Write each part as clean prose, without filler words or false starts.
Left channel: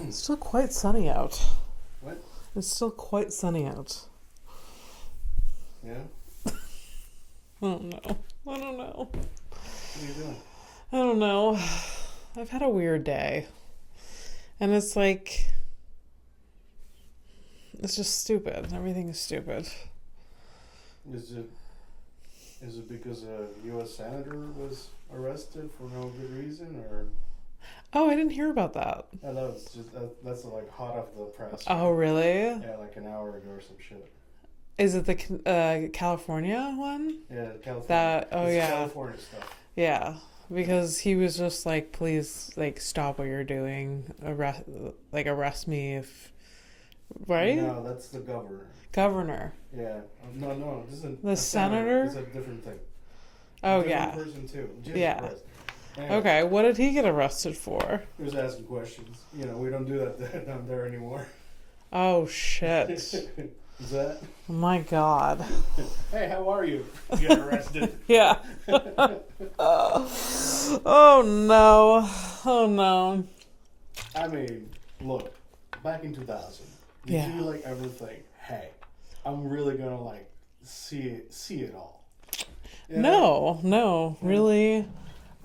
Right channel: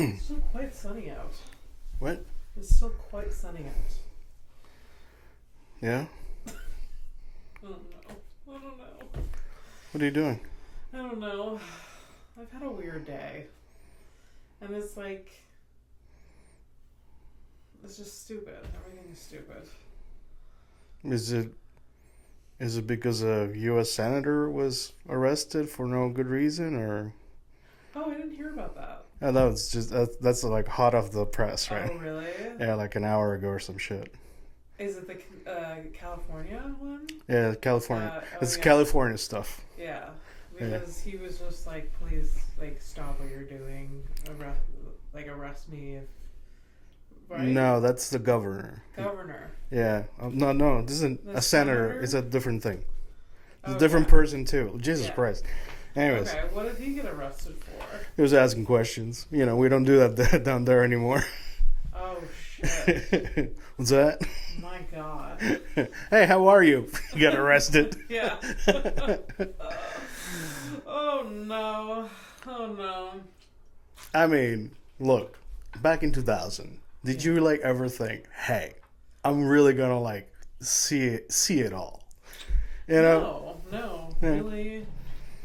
It's still quite sunny out. What? It's still quite sunny out. Yeah? I don't know. What are you doing? I don't know. I've had a weird day. And it's like... It's just stupid. Everything is stupid. Is it because a U.S. senator was arrested for no good reason, or? Oh, I didn't hear about that. Oh, that was just that's like hot off the press, right? Oh, really? Yeah, like an hour ago or some shit. Is it the California one? Yeah, California. It's yeah. California stuff. Yeah, because he was just like, please, like, stop what you're doing. Arrest me if... Right? No, that's the governor. Governor. Yeah. No. This isn't The a senator. senator? It's a different thing. It's Oh, a different person too. Jesus Christ. Anyways, okay, what did he get arrested for? He was asking questions. You know, we don't do that down there anymore. Oh, shit. What's that? My God. Hey, how are you? You got arrested. Yeah. Oh, no. I mean, look, back in 2000, did you like ever think, hey, I'm really gonna like see it all? You know? No, really.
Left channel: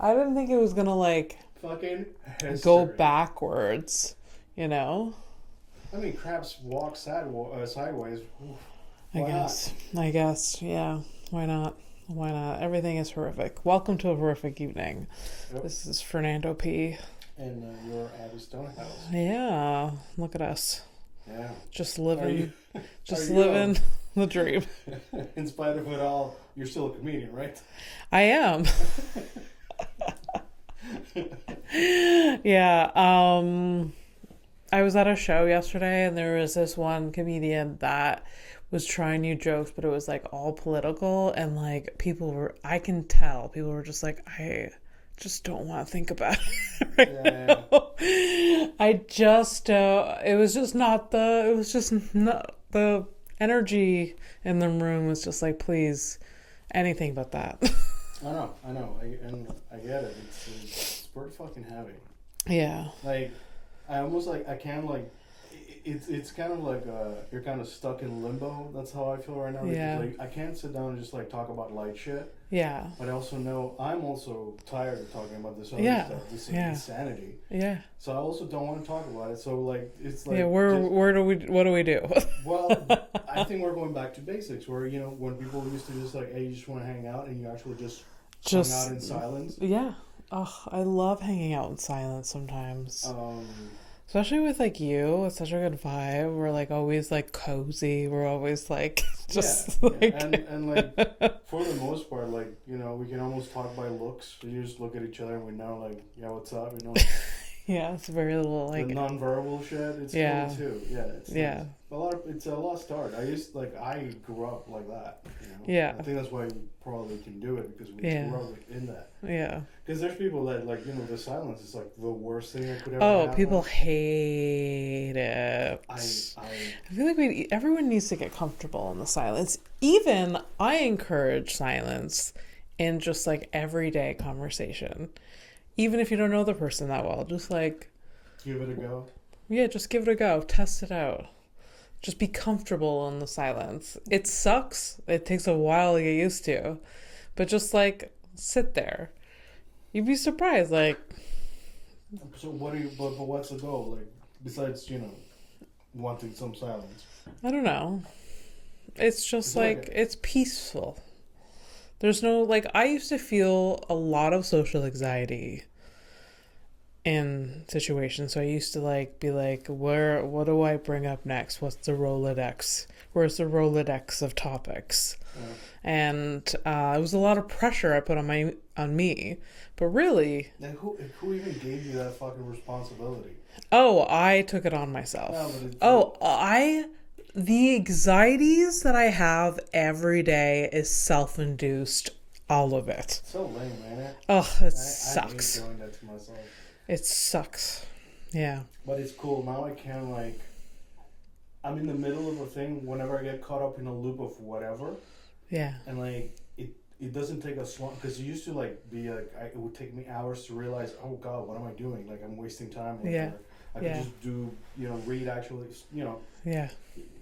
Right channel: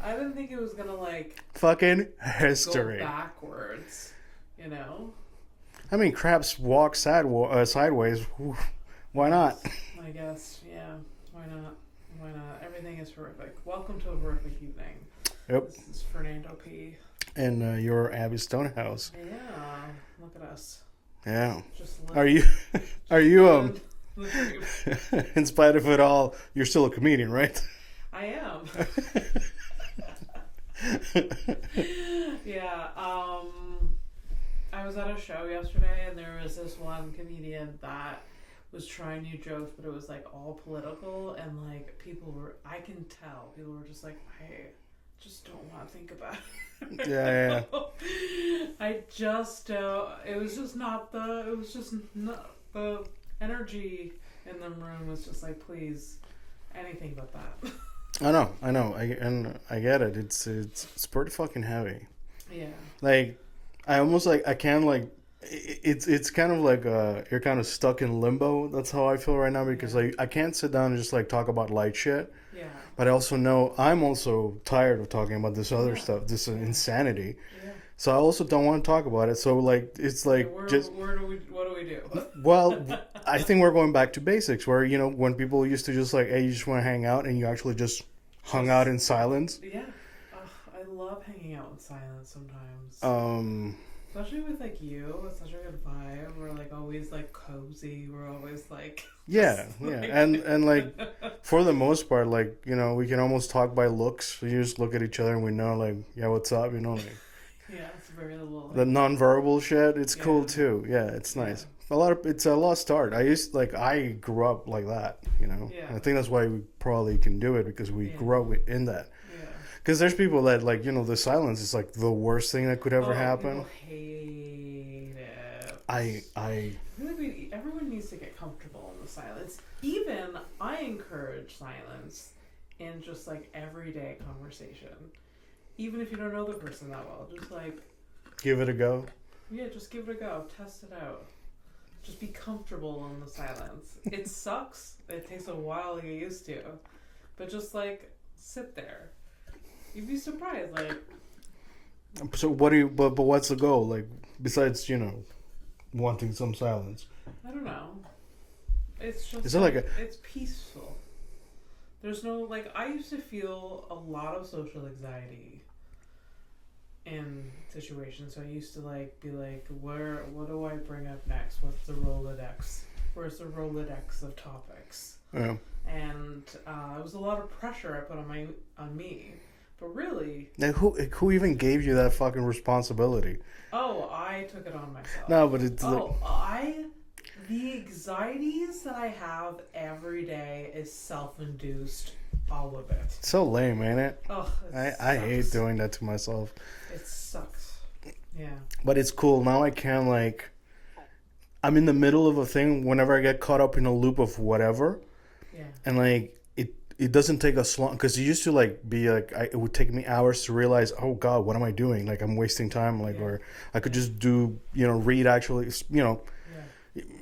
I didn't think it was gonna like fucking history. Go backwards, you know? I mean, crabs walk sideways. Why not? I guess, yeah. Why not? Everything is horrific. Welcome to a horrific evening. Yep. This is Fernando P. And you're Abby Stonehouse. Yeah, look at us. Yeah. Just living. Are you living the dream? In spite of it all, you're still a comedian, right? I am. Yeah. I was at a show yesterday, and there was this one comedian that was trying new jokes, but it was like all political, and like I can tell people were just like, I just don't want to think about it right now. I just it was just not the energy in the room was just like, please, anything but that. I know. I get it. It's pretty fucking heavy. Yeah. Like, I almost like I can't like. It's kind of like you're kind of stuck in limbo. That's how I feel right now, because like I can't sit down and just like talk about light shit. Yeah. But I also know I'm also tired of talking about this other stuff, this insanity. Yeah. So I also don't want to talk about it. So like it's like what do we do? Well, I think we're going back to basics, where when people used to just like, hey, you just want to hang out, and you actually just hung out in silence. Yeah. Oh, I love hanging out in silence sometimes. Especially with like you, it's such a good vibe. We're like always like cozy. We're always like and like for the most part, like we can almost talk by looks. We just look at each other and we know like, yeah, what's up, Yeah, it's very little like the nonverbal shit. It's cool too. Yeah, it's nice. It's a lost art. I grew up like that. Yeah. I think that's why we probably can do it, because we grew up in that. Yeah. Because there's people that like the silence is like the worst thing that could ever happen. People hate it. I feel like everyone needs to get comfortable in the silence. Even I encourage silence in just like everyday conversation. Even if you don't know the person that well, just like give it a go. Yeah, just give it a go. Test it out. Just be comfortable in the silence. It sucks. It takes a while to get used to. But just like sit there. You'd be surprised, like. So but what's the goal? Like, besides, wanting some silence? I don't know. It's just it's peaceful. There's no, like, I used to feel a lot of social anxiety in situations. So I used to like be like, what do I bring up next? What's the Rolodex? Where's the Rolodex of topics? Yeah. And it was a lot of pressure I put on me. But really, like, who even gave you that fucking responsibility? Oh, I took it on myself. No, but it's the anxieties that I have every day is self-induced. All of it. So lame, ain't it? Oh, it sucks. I hate doing that to myself. It sucks. Yeah. But it's cool. Now I can, like, I'm in the middle of a thing whenever I get caught up in a loop of whatever. Yeah. And, like, it doesn't take us long, because it used to like be like it would take me hours to realize, oh God, what am I doing? Like I'm wasting time. Like or I could just do read actually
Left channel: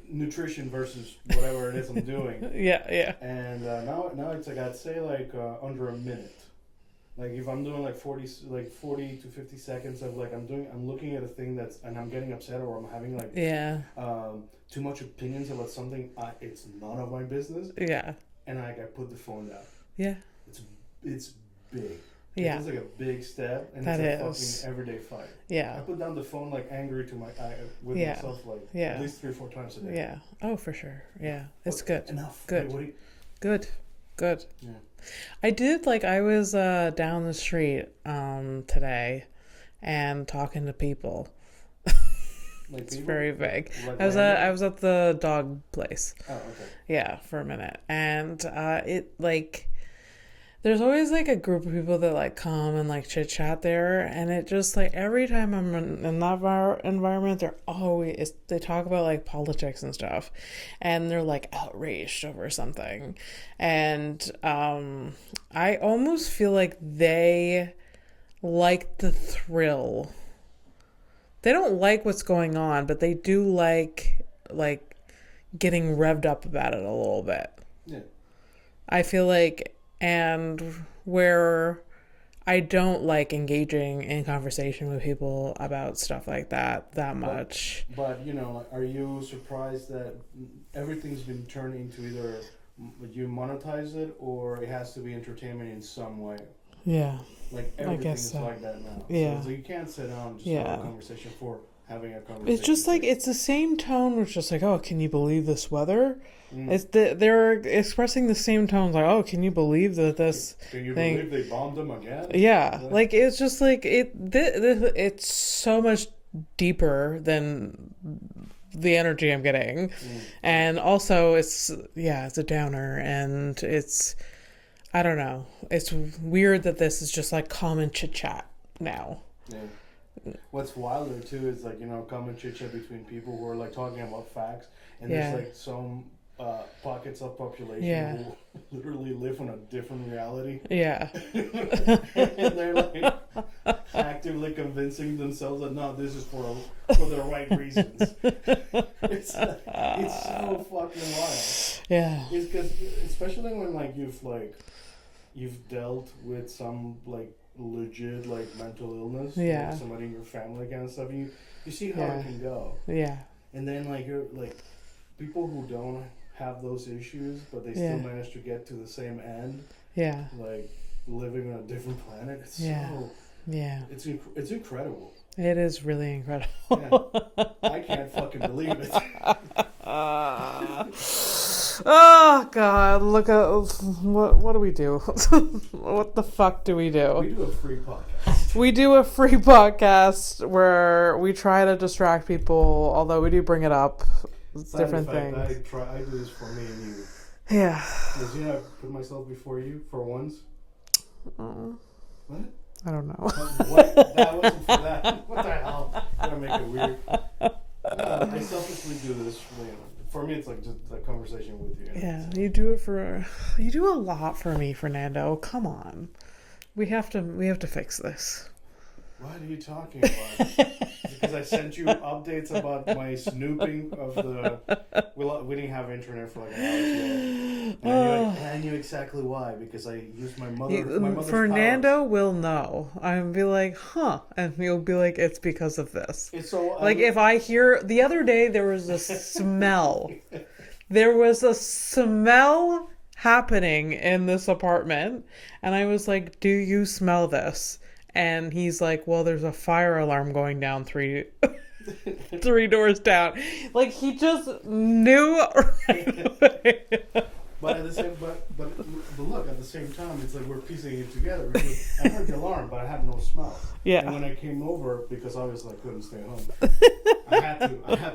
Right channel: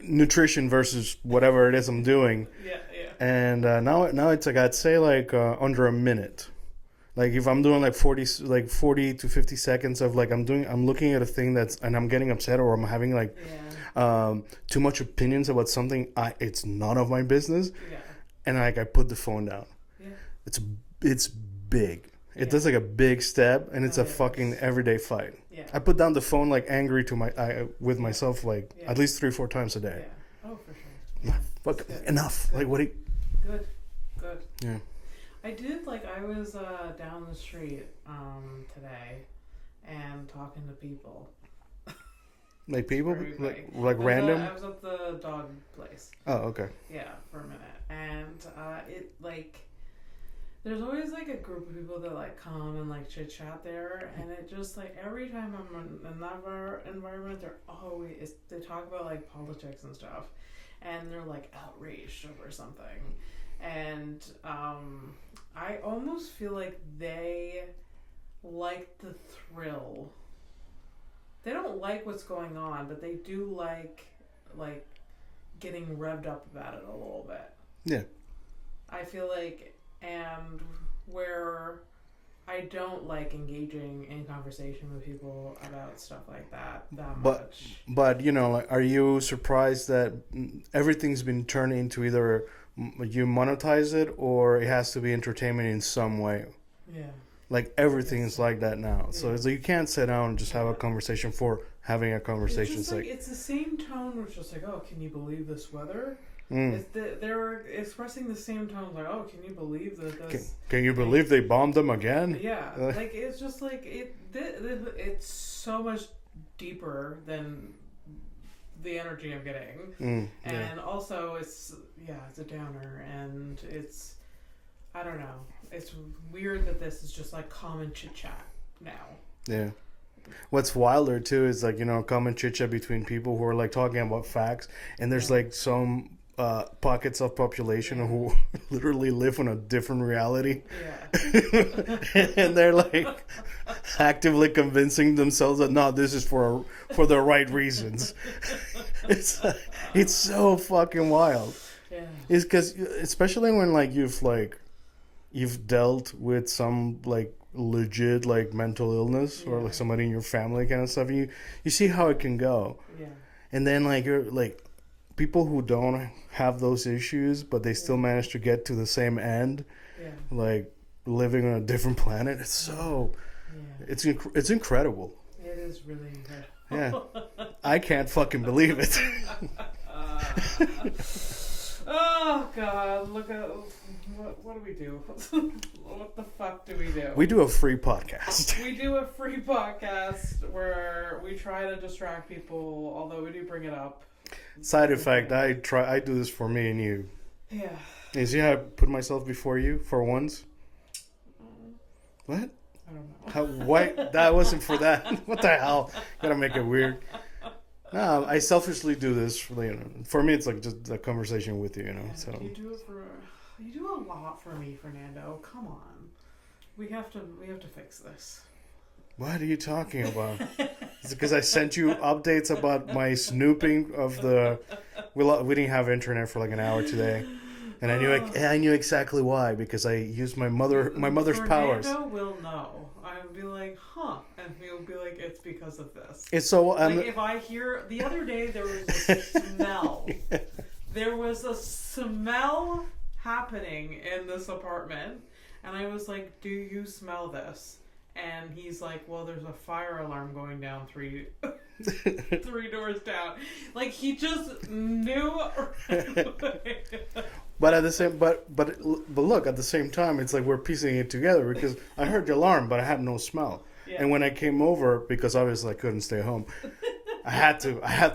nutrition versus whatever it is I'm doing. And now it's like I'd say like under a minute. Like if I'm doing like 40 to 50 seconds of like I'm looking at a thing and I'm getting upset, or I'm having like too much opinions about something, it's none of my business. And like I put the phone down. It's big. It does like a big step, and it's a fucking everyday fight. I put down the phone like angry to myself like at least 3-4 times a day. Oh, for sure. That's good. Enough. Good. Like, Good. Yeah. I did, like, I was down the street today and talking to people. Like people? It's very vague. Like random? I was at the dog place. Oh, okay. Yeah, for a minute. And it, like, there's always, like, a group of people that, like, come and, like, chit-chat there. And it just, like, every time I'm in that environment, they talk about, like, politics and stuff. And they're, like, outraged over something. And I almost feel like they like the thrill. They don't like what's going on, but they do like getting revved up about it a little bit. Yeah. I feel like, and where I don't like engaging in conversation with people about stuff like that much. But like, are you surprised that everything's been turned into either you monetize it or it has to be entertainment in some way? Yeah. Like everything is like that now. Yeah. So you can't sit down and just have a conversation for having a conversation. It's just like it's the same tone, which is just like, oh, can you believe this weather? They're expressing the same tones, like, oh, can you believe that this? Can you believe they bombed them again? Yeah, like it's just like it's so much deeper than the energy I'm getting, and also it's a downer, and it's, I don't know, it's weird that this is just like common chit chat now. Yeah. What's wilder too is like common chit chat between people who are like talking about facts, and there's like some pockets of population who literally live in a different reality. Yeah. And they're like actively convincing themselves that no, this is for the right reasons. It's so fucking wild. Yeah. It's because especially when like you've dealt with some like legit like mental illness or like somebody in your family kind of stuff, and you see how it can go. Yeah. And then like you're like people who don't have those issues but they still manage to get to the same end. Yeah. Like living on a different planet. It's so it's incredible. It is really incredible. Yeah. I can't fucking believe it. Oh God! Look at what do we do? What the fuck do we do? We do a free podcast. We do a free podcast where we try to distract people, although we do bring it up. Side effect: I do this for me and you. Yeah. You see how I put myself before you for once? What? I don't know. What? That wasn't for that. What the hell? Gotta make it weird. I selfishly do this for me. It's like just a conversation with you. Yeah, so. You do a lot for me, Fernando. Come on, we have to fix this. What are you talking about? Is it because I sent you updates about my snooping of the? We didn't have internet for like an hour today, and I knew exactly why, because I used my mother's Fernando powers. will know. I'll be like, huh, and he'll be like, it's because of this. It's so like if I hear the other day there was a smell. There was a smell happening in this apartment, and I was like, do you smell this? And he's like, well, there's a fire alarm going down three doors down. Like, he just knew right away. But at the same, but look, at the same time, it's like we're piecing it together, because I heard the alarm, but I had no smell. Yeah. And when I came over, because obviously I couldn't stay home, I had to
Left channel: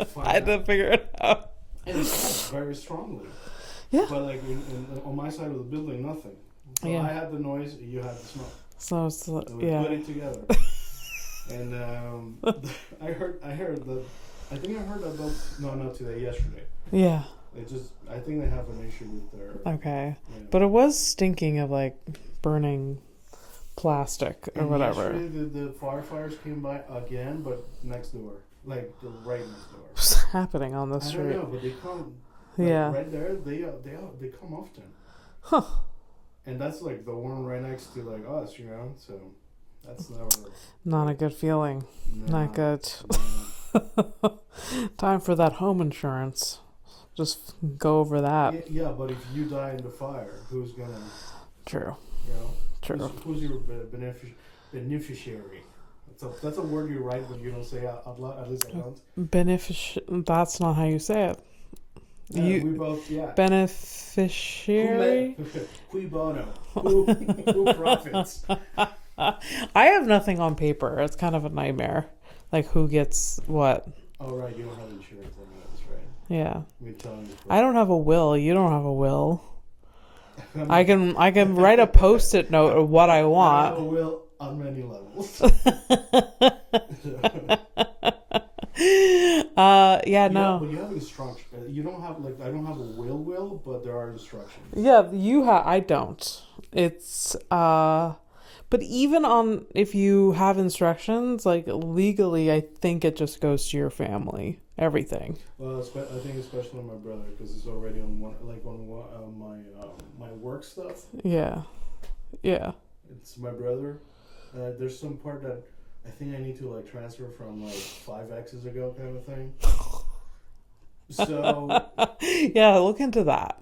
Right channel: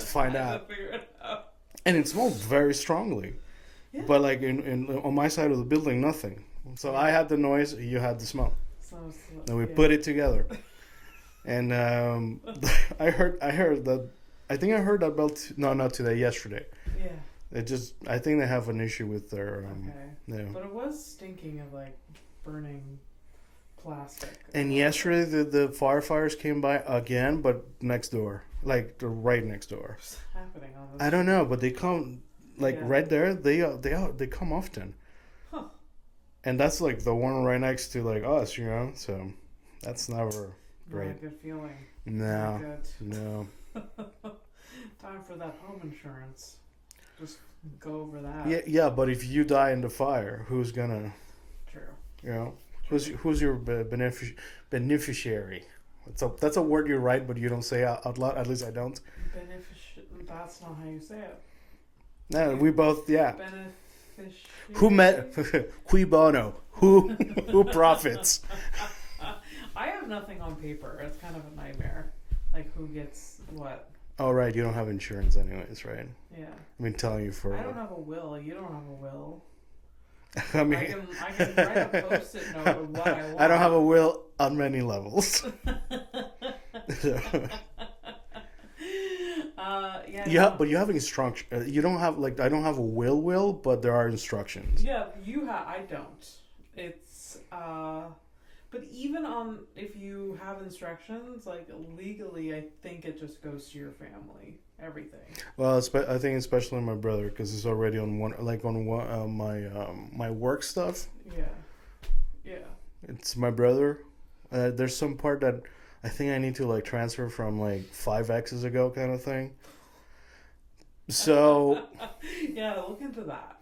find out. I had to figure it out. And it smells very strongly. Yeah. But like on my side of the building, nothing. So I had the noise, you had the smell. So and we put it together. And I heard that. I think I heard about not today, yesterday. Yeah. I think they have an issue with their. Okay. Yeah. But it was stinking of like burning plastic. Or and whatever. yesterday the firefighters came by again, but next door, like right next door. What's happening on this? I don't know, but they come like right there. They come often. Huh. And that's like the one right next to like us, So that's never not great. a good feeling. No, Not good. No. Time for that home insurance. Just go over that. Yeah, but if you die in the fire, who's gonna? True. True. Who's your beneficiary? That's a word you write, but you don't say out loud. At least I don't. That's not how you say it. No, we both. Yeah. Beneficiary. Who met? Qui bono? Who profits? I have nothing on paper. It's kind of a nightmare. Like who gets what? Oh right, you don't have insurance anyways, right? Yeah. I've been telling you for. I don't have a will. You don't have a will. I can write a Post-it note of what I want. I don't have a will on many levels. No. But you have instruction. You don't have I don't have a will, but there are instructions. Yeah, you have. I don't. It's but even on if you have instructions, like legally, I think it just goes to your family. Everything. Well, I think especially my brother, because it's already on one my work stuff. Yeah. It's my brother. There's some part that I think I need to transfer from 5 X's ago, kind of thing. So. Yeah, look into that.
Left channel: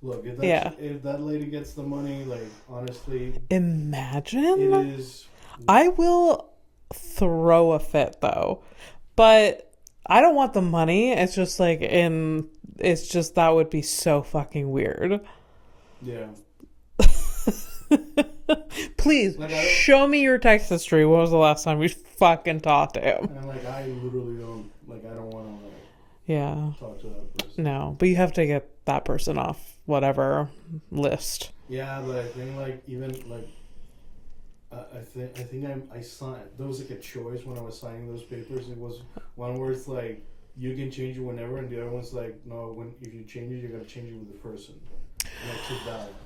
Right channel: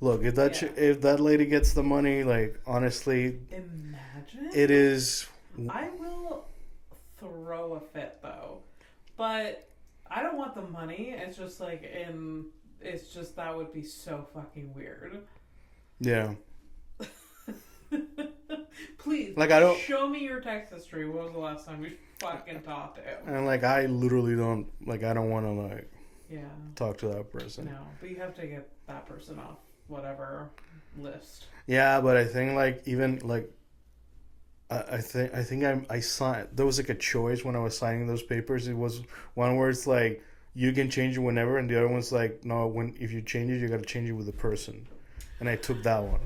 Look, if that lady gets the money, honestly. Imagine. It is. I will throw a fit though, but. I don't want the money. It's just it's just that would be so fucking weird. Yeah. Please, show me your text history. When was the last time we fucking talked to him? And I literally don't I don't want to yeah, talk to that person. No, but you have to get that person off whatever list. Yeah, but I think even I think I signed. There was a choice when I was signing those papers. It was one where it's you can change it whenever, and the other one's no. If you change it, you got to change it with the person. And I took that one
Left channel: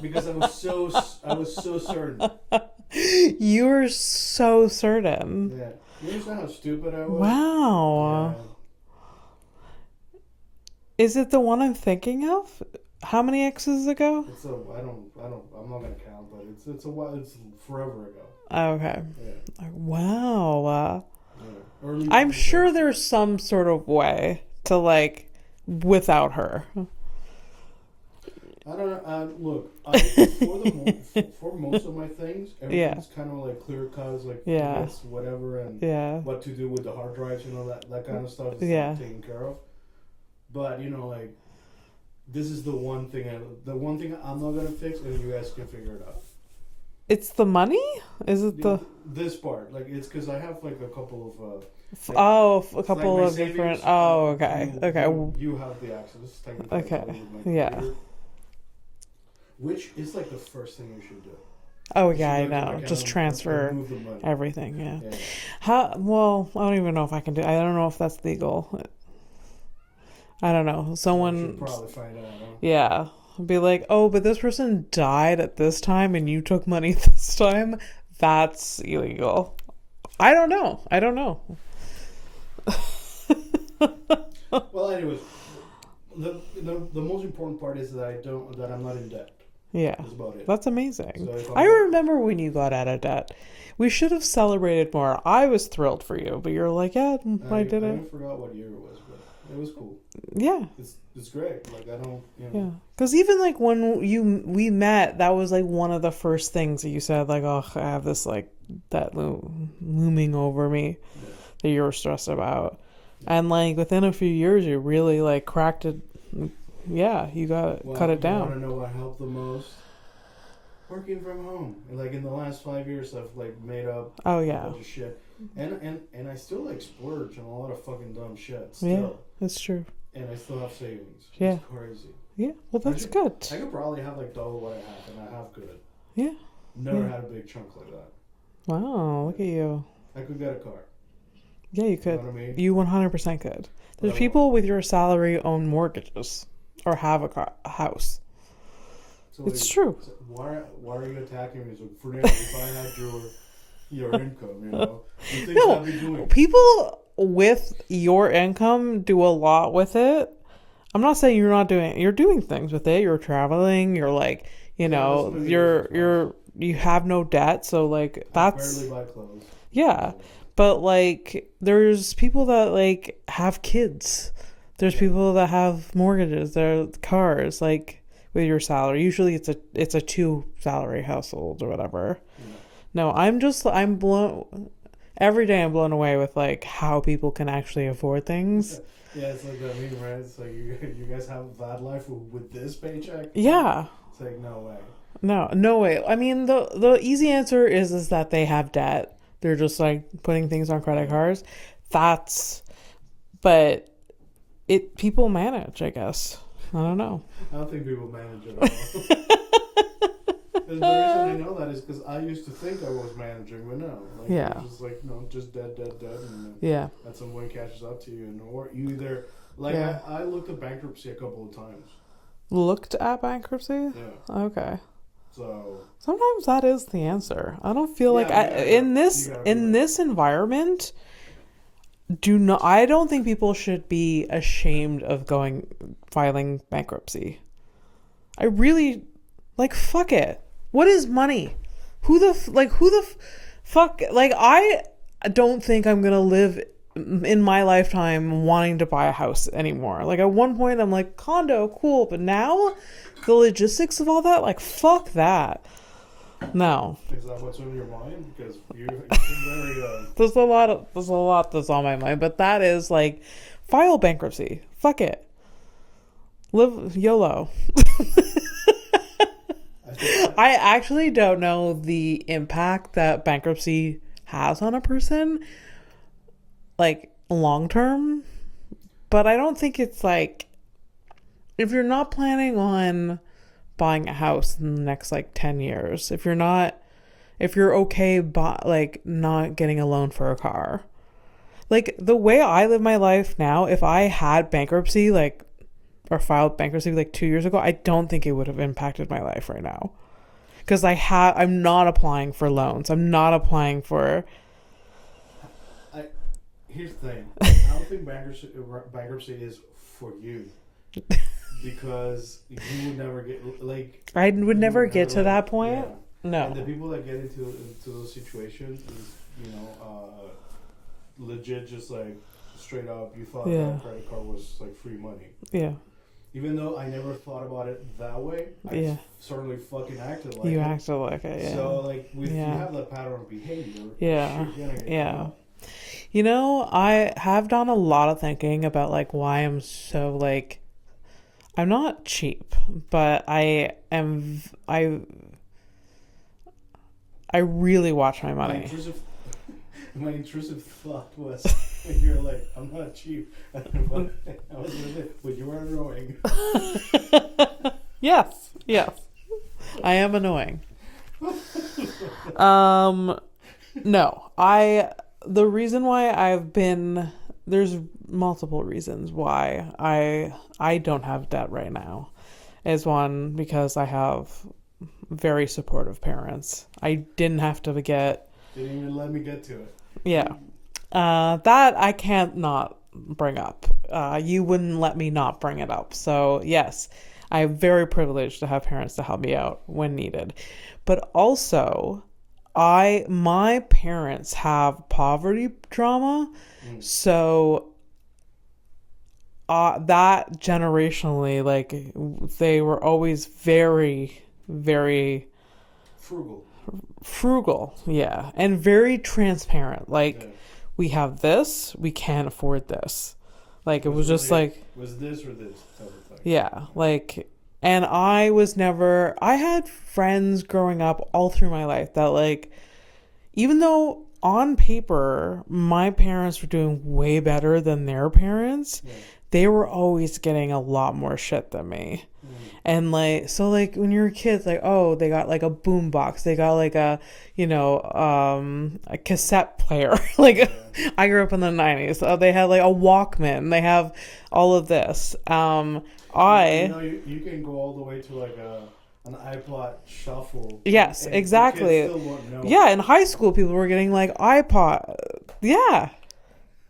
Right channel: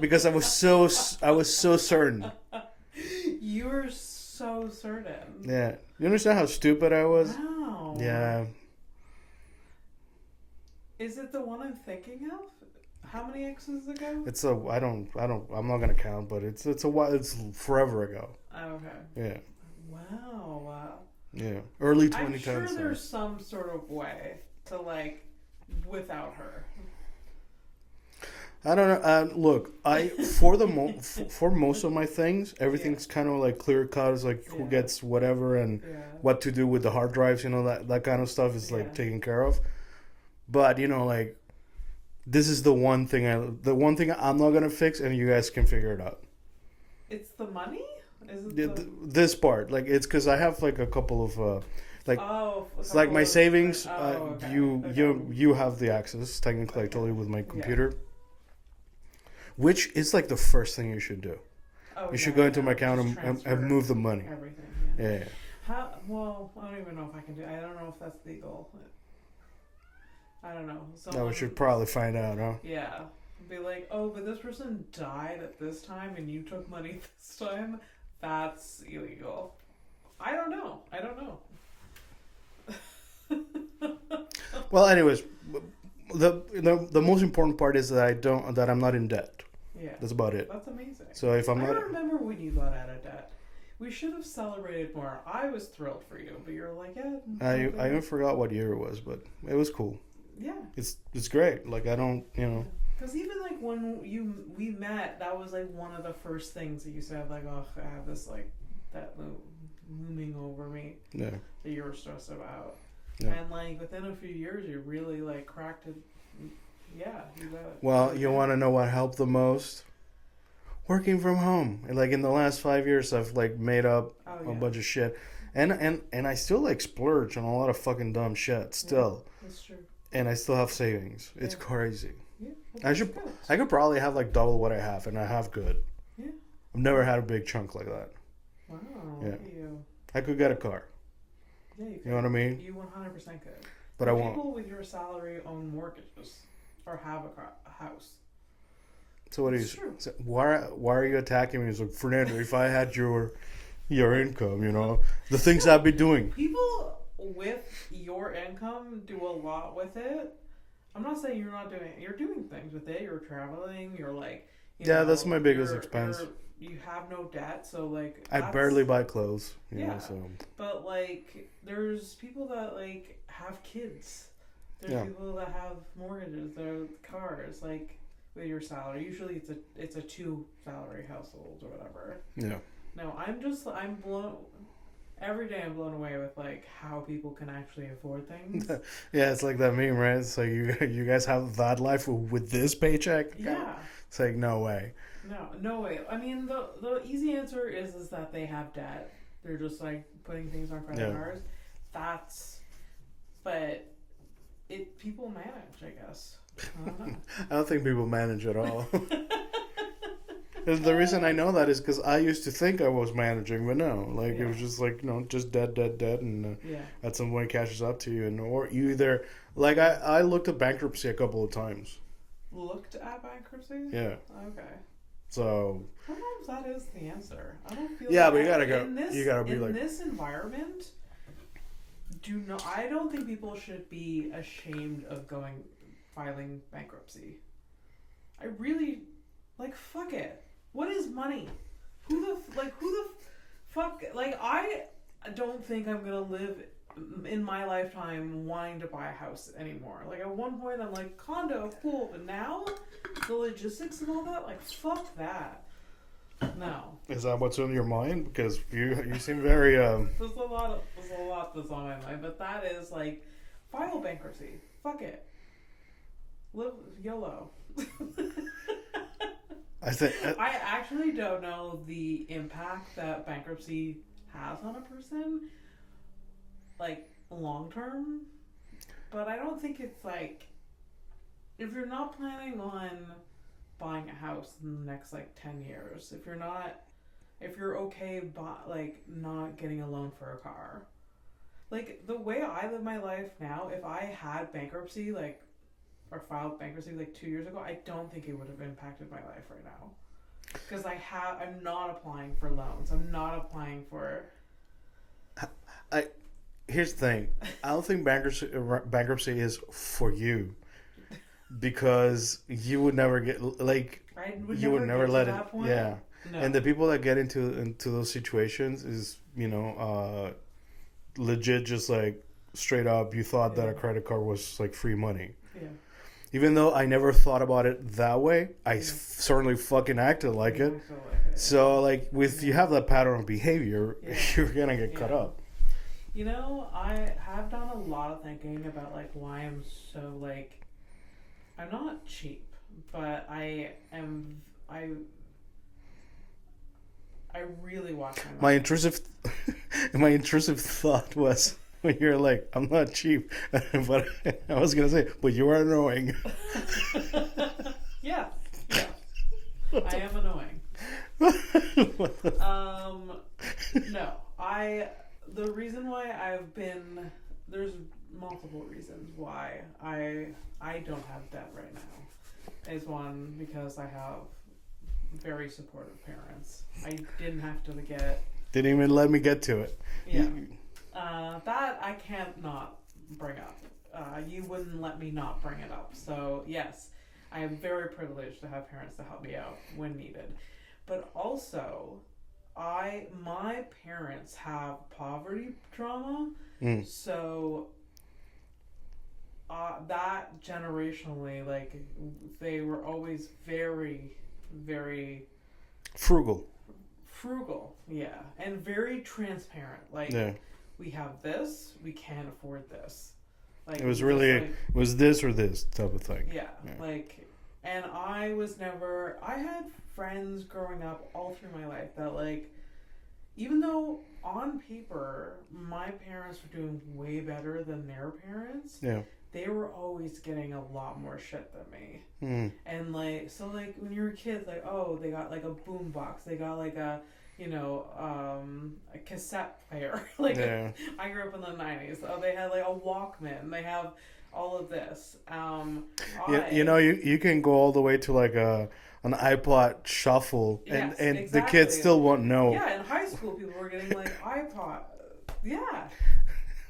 because I was so certain. You were so certain. Yeah, you understand how stupid I was? Wow. Yeah. Is it the one I'm thinking of? How many X's ago? I'm not gonna count, but it's forever ago. Okay. Yeah. Wow. Yeah. Early. I'm sure there's some sort of way to without her. I don't know. Look, for most of my things, everything's kind of clear cut. It's who gets whatever and what to do with the hard drives. That kind of stuff is taken care of. But this is the one thing I'm not gonna fix, and you guys can figure it out. It's the money? Is it this part? It's because I have a couple of a couple my of savings. Okay. You have the access technically. I told you with my computer, which is the first thing you should do. Oh you should go into my account just transfer and move the money. Everything. Yeah. How? Well, I don't even know if I can do. I don't know if that's legal. I don't know. Someone should probably find out, huh? Yeah. Be but this person died at this time and you took money this time. That's illegal. I don't know. Well, anyways, the most important part is that I'm not in debt. Yeah. That's about it. That's amazing. So I remember when you got out of debt. We should have celebrated more. I was thrilled for you, but you're I did I it. even forgot what year it was, but it was cool. Yeah. It's great. I don't, Yeah. Because even when we met, that was one of the first things that you said, I have this that looming over me that you were stressed about. Yeah. And within a few years, you really cracked it. Yeah, you got it. Well, cut it down. You want to know what helped the most? Working from home. And in the last 5 years, I've made up a bunch of shit. And I still splurge on a lot of fucking dumb shit still. Yeah, that's true. And I still have savings. Yeah. It's crazy. Yeah, well, that's good. I could probably have double what I have, and I have good. Yeah. I've never had a big chunk like that. Wow, look at you. I could get a car. Yeah, you could. You know what I mean? You 100% could. But There's people with your salary own mortgages or have a house. So it's true. So why are you attacking me? It's like, Fernando, if I had your income, the things I've been doing. People with your income do a lot with it. I'm not saying you're not doing it. You're doing things with it. You're traveling. You're like, that's my biggest expense. You have no debt, so like I barely buy clothes. Yeah. But like there's people that like have kids. There's people that have mortgages, their cars, like with your salary. Usually it's a 2 salary household or whatever. Yeah. No, I'm blown every day. I'm blown away with like how people can actually afford things. Yeah, it's like that meme, right? So you guys have that life with this paycheck? Yeah. It's like no way. No way. I mean, the easy answer is that they have debt. They're just like putting things on credit cards. But people manage, I guess. I don't know. I don't think people manage at all. And the reason I know that is because I used to think I was managing, but no. Like, it was just like, just debt. And at some point catches up to you. Or you either, like, I looked at bankruptcy a couple of times. Looked at bankruptcy? Yeah. Okay. So sometimes that is the answer. I don't feel in this environment, I don't think people should be ashamed of filing bankruptcy. I really fuck it. What is money? Who the fuck, like, I don't think I'm gonna live in my lifetime wanting to buy a house anymore. Like, at one point I'm like, condo, cool, but now the logistics of all that, like, fuck that. No. Is that what's on your mind? Because you seem very there's a lot that's on my mind, but that is like, file bankruptcy. Fuck it. Live YOLO. I actually don't know the impact that bankruptcy has on a person, like, long term, but I don't think it's like, if you're not planning on buying a house in the next 10 years, if you're okay not getting a loan for a car, like, the way I live my life now, if I had bankruptcy or filed bankruptcy 2 years ago, I don't think it would have impacted my life right now, because I'm not applying for loans. I'm not applying for. Here's the thing. I don't think bankruptcy is for you, because you would never get I would never get to that point. Yeah. No. And the people that get into those situations is legit, just straight up. You thought that a credit card was free money. Yeah. Even though I never thought about it that way, I certainly fucking acted like it. You acted like it. Yeah. So you have that pattern of behavior, you're gonna get caught up. I have done a lot of thinking about why I'm so I'm not cheap, but I really watch my money. My intrusive thought was when you're like, I'm not cheap, but I was gonna say, but you are annoying. Yes, I am annoying. No, the reason why there's multiple reasons why I don't have debt right now. Is one, because I have very supportive parents. I didn't have to didn't even let me get to it. Yeah. That I can't not bring up. You wouldn't let me not bring it up. So yes, I'm very privileged to have parents to help me out when needed. But also, my parents have poverty trauma. So that generationally, they were always very, very frugal, yeah, and very transparent. We have this, we can't afford this. It was really just was this or this type of thing. Yeah. And I had friends growing up all through my life that even though on paper, my parents were doing way better than their parents. Yeah. They were always getting a lot more shit than me. And like, so like when you're a kid, like, oh, they got like a boom box, they got like a, a cassette player. Like, Yeah. I grew up in the 90s. So they had like a Walkman. They have all of this. You can go all the way to like an iPod shuffle. Yes, and exactly. The kids still won't know. Yeah, in high school, people were getting like iPod. Yeah.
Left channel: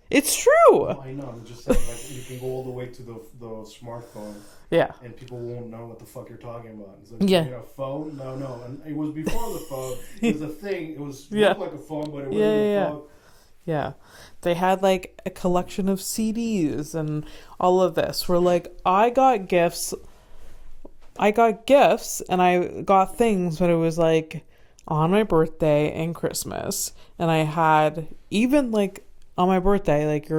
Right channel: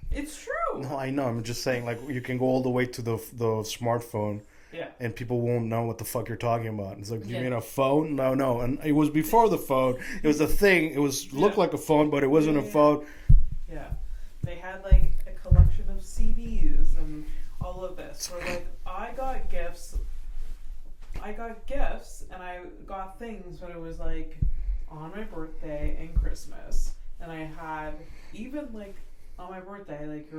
It's true. No, I know. I'm just saying, like, you can go all the way to the smartphone. Yeah. And people won't know what the fuck you're talking about. It's like, Yeah. you mean a phone? No. And it was before the phone. It was a thing. It looked like a phone, but it wasn't a phone. Yeah. They had like a collection of CDs and all of this. Where like I got gifts and I got things, but it was like on my birthday and Christmas. And I had even like on my birthday, like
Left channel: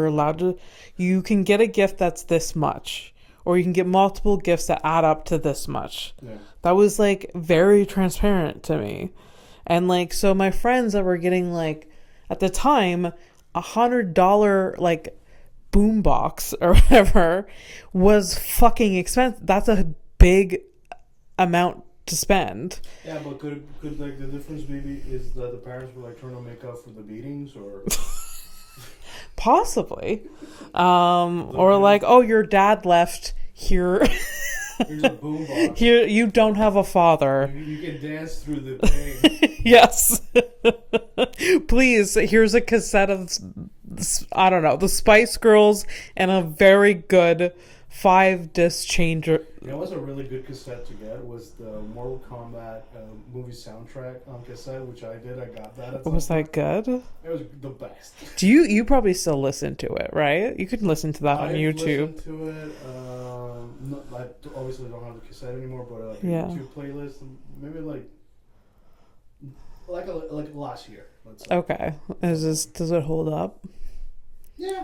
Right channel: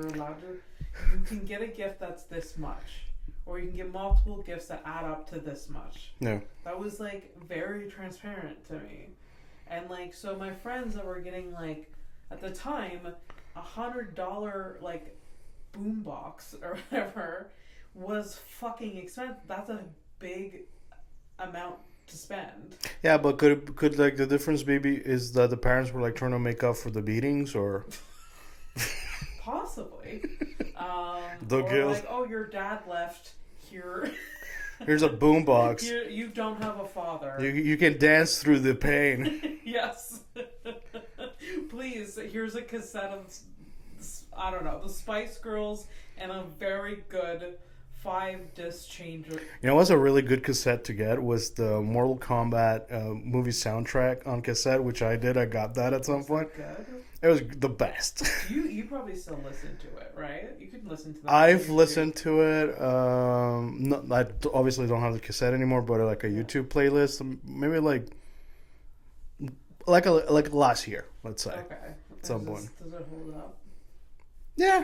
you can get a gift that's this much, or you can get multiple gifts that add up to this much. Yeah. That was like very transparent to me. And like, so my friends that were getting like, at the time, $100 like boombox or whatever was fucking expensive. That's a big amount to spend. Yeah, but could like the difference maybe is that the parents were like trying to make up for the beatings, or possibly, or like, oh, your dad left here. Here's a boombox. Here, you don't have a father. You can dance through the pain. Yes. Please, here's a cassette of, I don't know, the Spice Girls and a very good 5-disc changer. You know what's a really good cassette to get was the Mortal Kombat movie soundtrack on cassette, which I did. I got that at some point. Was that good? It was the best. Do you probably still listen to it, right? You can listen to that on YouTube. I've listened to it. I obviously don't have the cassette anymore, but like a YouTube playlist, maybe like last year, let's say. Okay. Does it hold up? Yeah.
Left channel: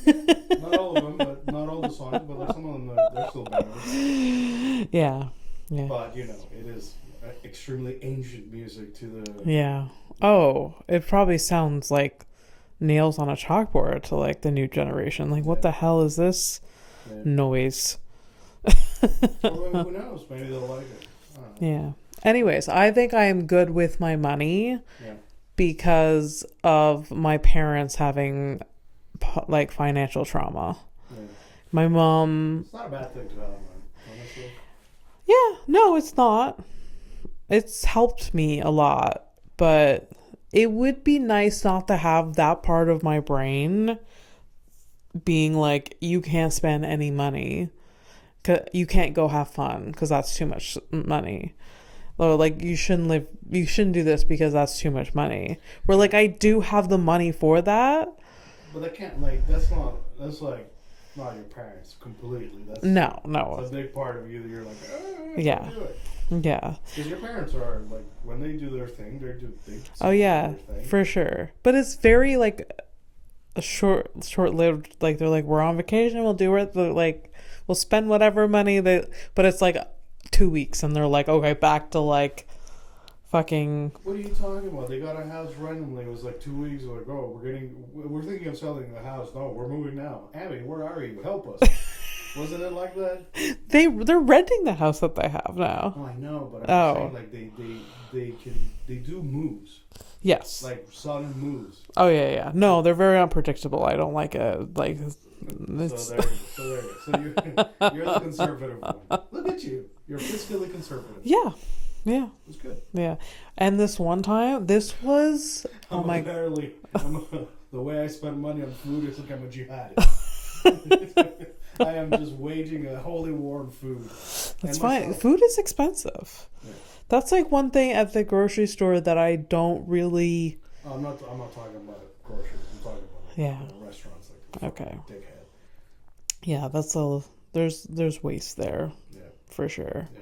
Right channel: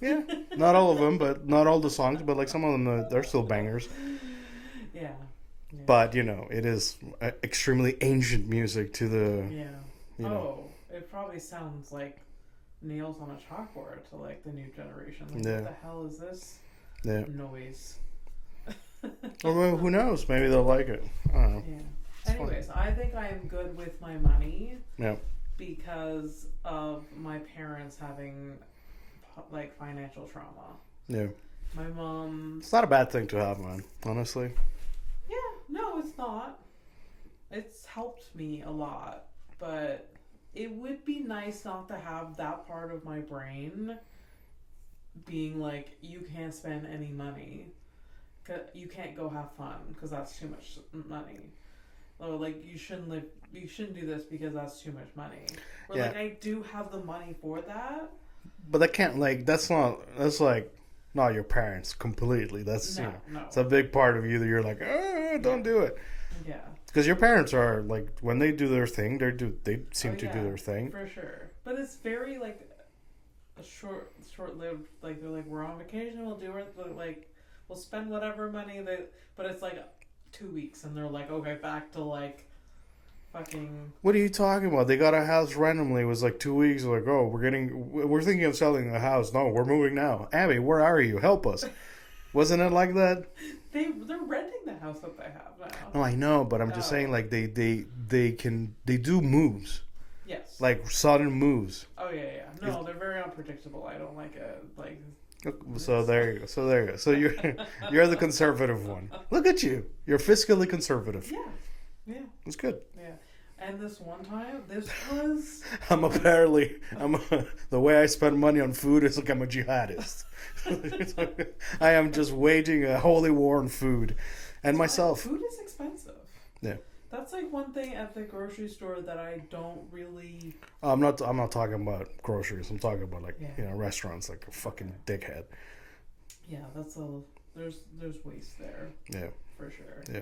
Yeah, not all of them, but not all the songs, but like some of them, they're still bangers. Yeah. But it is extremely ancient music to the. Yeah. Oh, it probably sounds like nails on a chalkboard to like the new generation. Like, what the hell is this noise? Or who knows? Maybe they'll like it. I don't know. Yeah. Anyways, I think I am good with my money. Yeah. Because of my parents having like financial trauma. Yeah. My mom. It's not a bad thing to have, man. Honestly. Yeah. No, it's not. It's helped me a lot, but it would be nice not to have that part of my brain being like, you can't spend any money. You can't go have fun because that's too much money. Or like, you shouldn't do this because that's too much money. Where like, I do have the money for that. But that can't, like, that's like not your parents completely. No. It's a big part of you that you're like, don't do it. Yeah. Because your parents are like, when they do their thing, they seem to do their thing. For sure. But it's very like a short-lived. Like, they're like, we're on vacation, we'll do it. Like, we'll spend whatever money but it's like 2 weeks, and they're like, okay, back to like fucking. What are you talking about? They got a house randomly. It was like 2 weeks. Like, oh, we're thinking of selling the house. No, we're moving now. Abby, where are you? Help us. Wasn't it like that? They're renting the house that they have now. Oh, I know, but I'm just saying, like, they do moves. Yes. Like sudden moves. Oh yeah. No, they're very unpredictable. I don't like it. Like. So there you go. So you're the conservative one. Look at you. You're fiscally conservative. Yeah. It's good. Yeah. And this one time, this was... the way I spend money on food is like I'm a jihadist. I am just waging a holy war on food. That's and myself. Fine. Food is expensive. Yeah. That's like one thing at the grocery store that I don't really... I'm not talking about groceries. I'm talking about like restaurants, like a fucking dickhead. Yeah, there's waste there. Yeah. For sure. Yeah.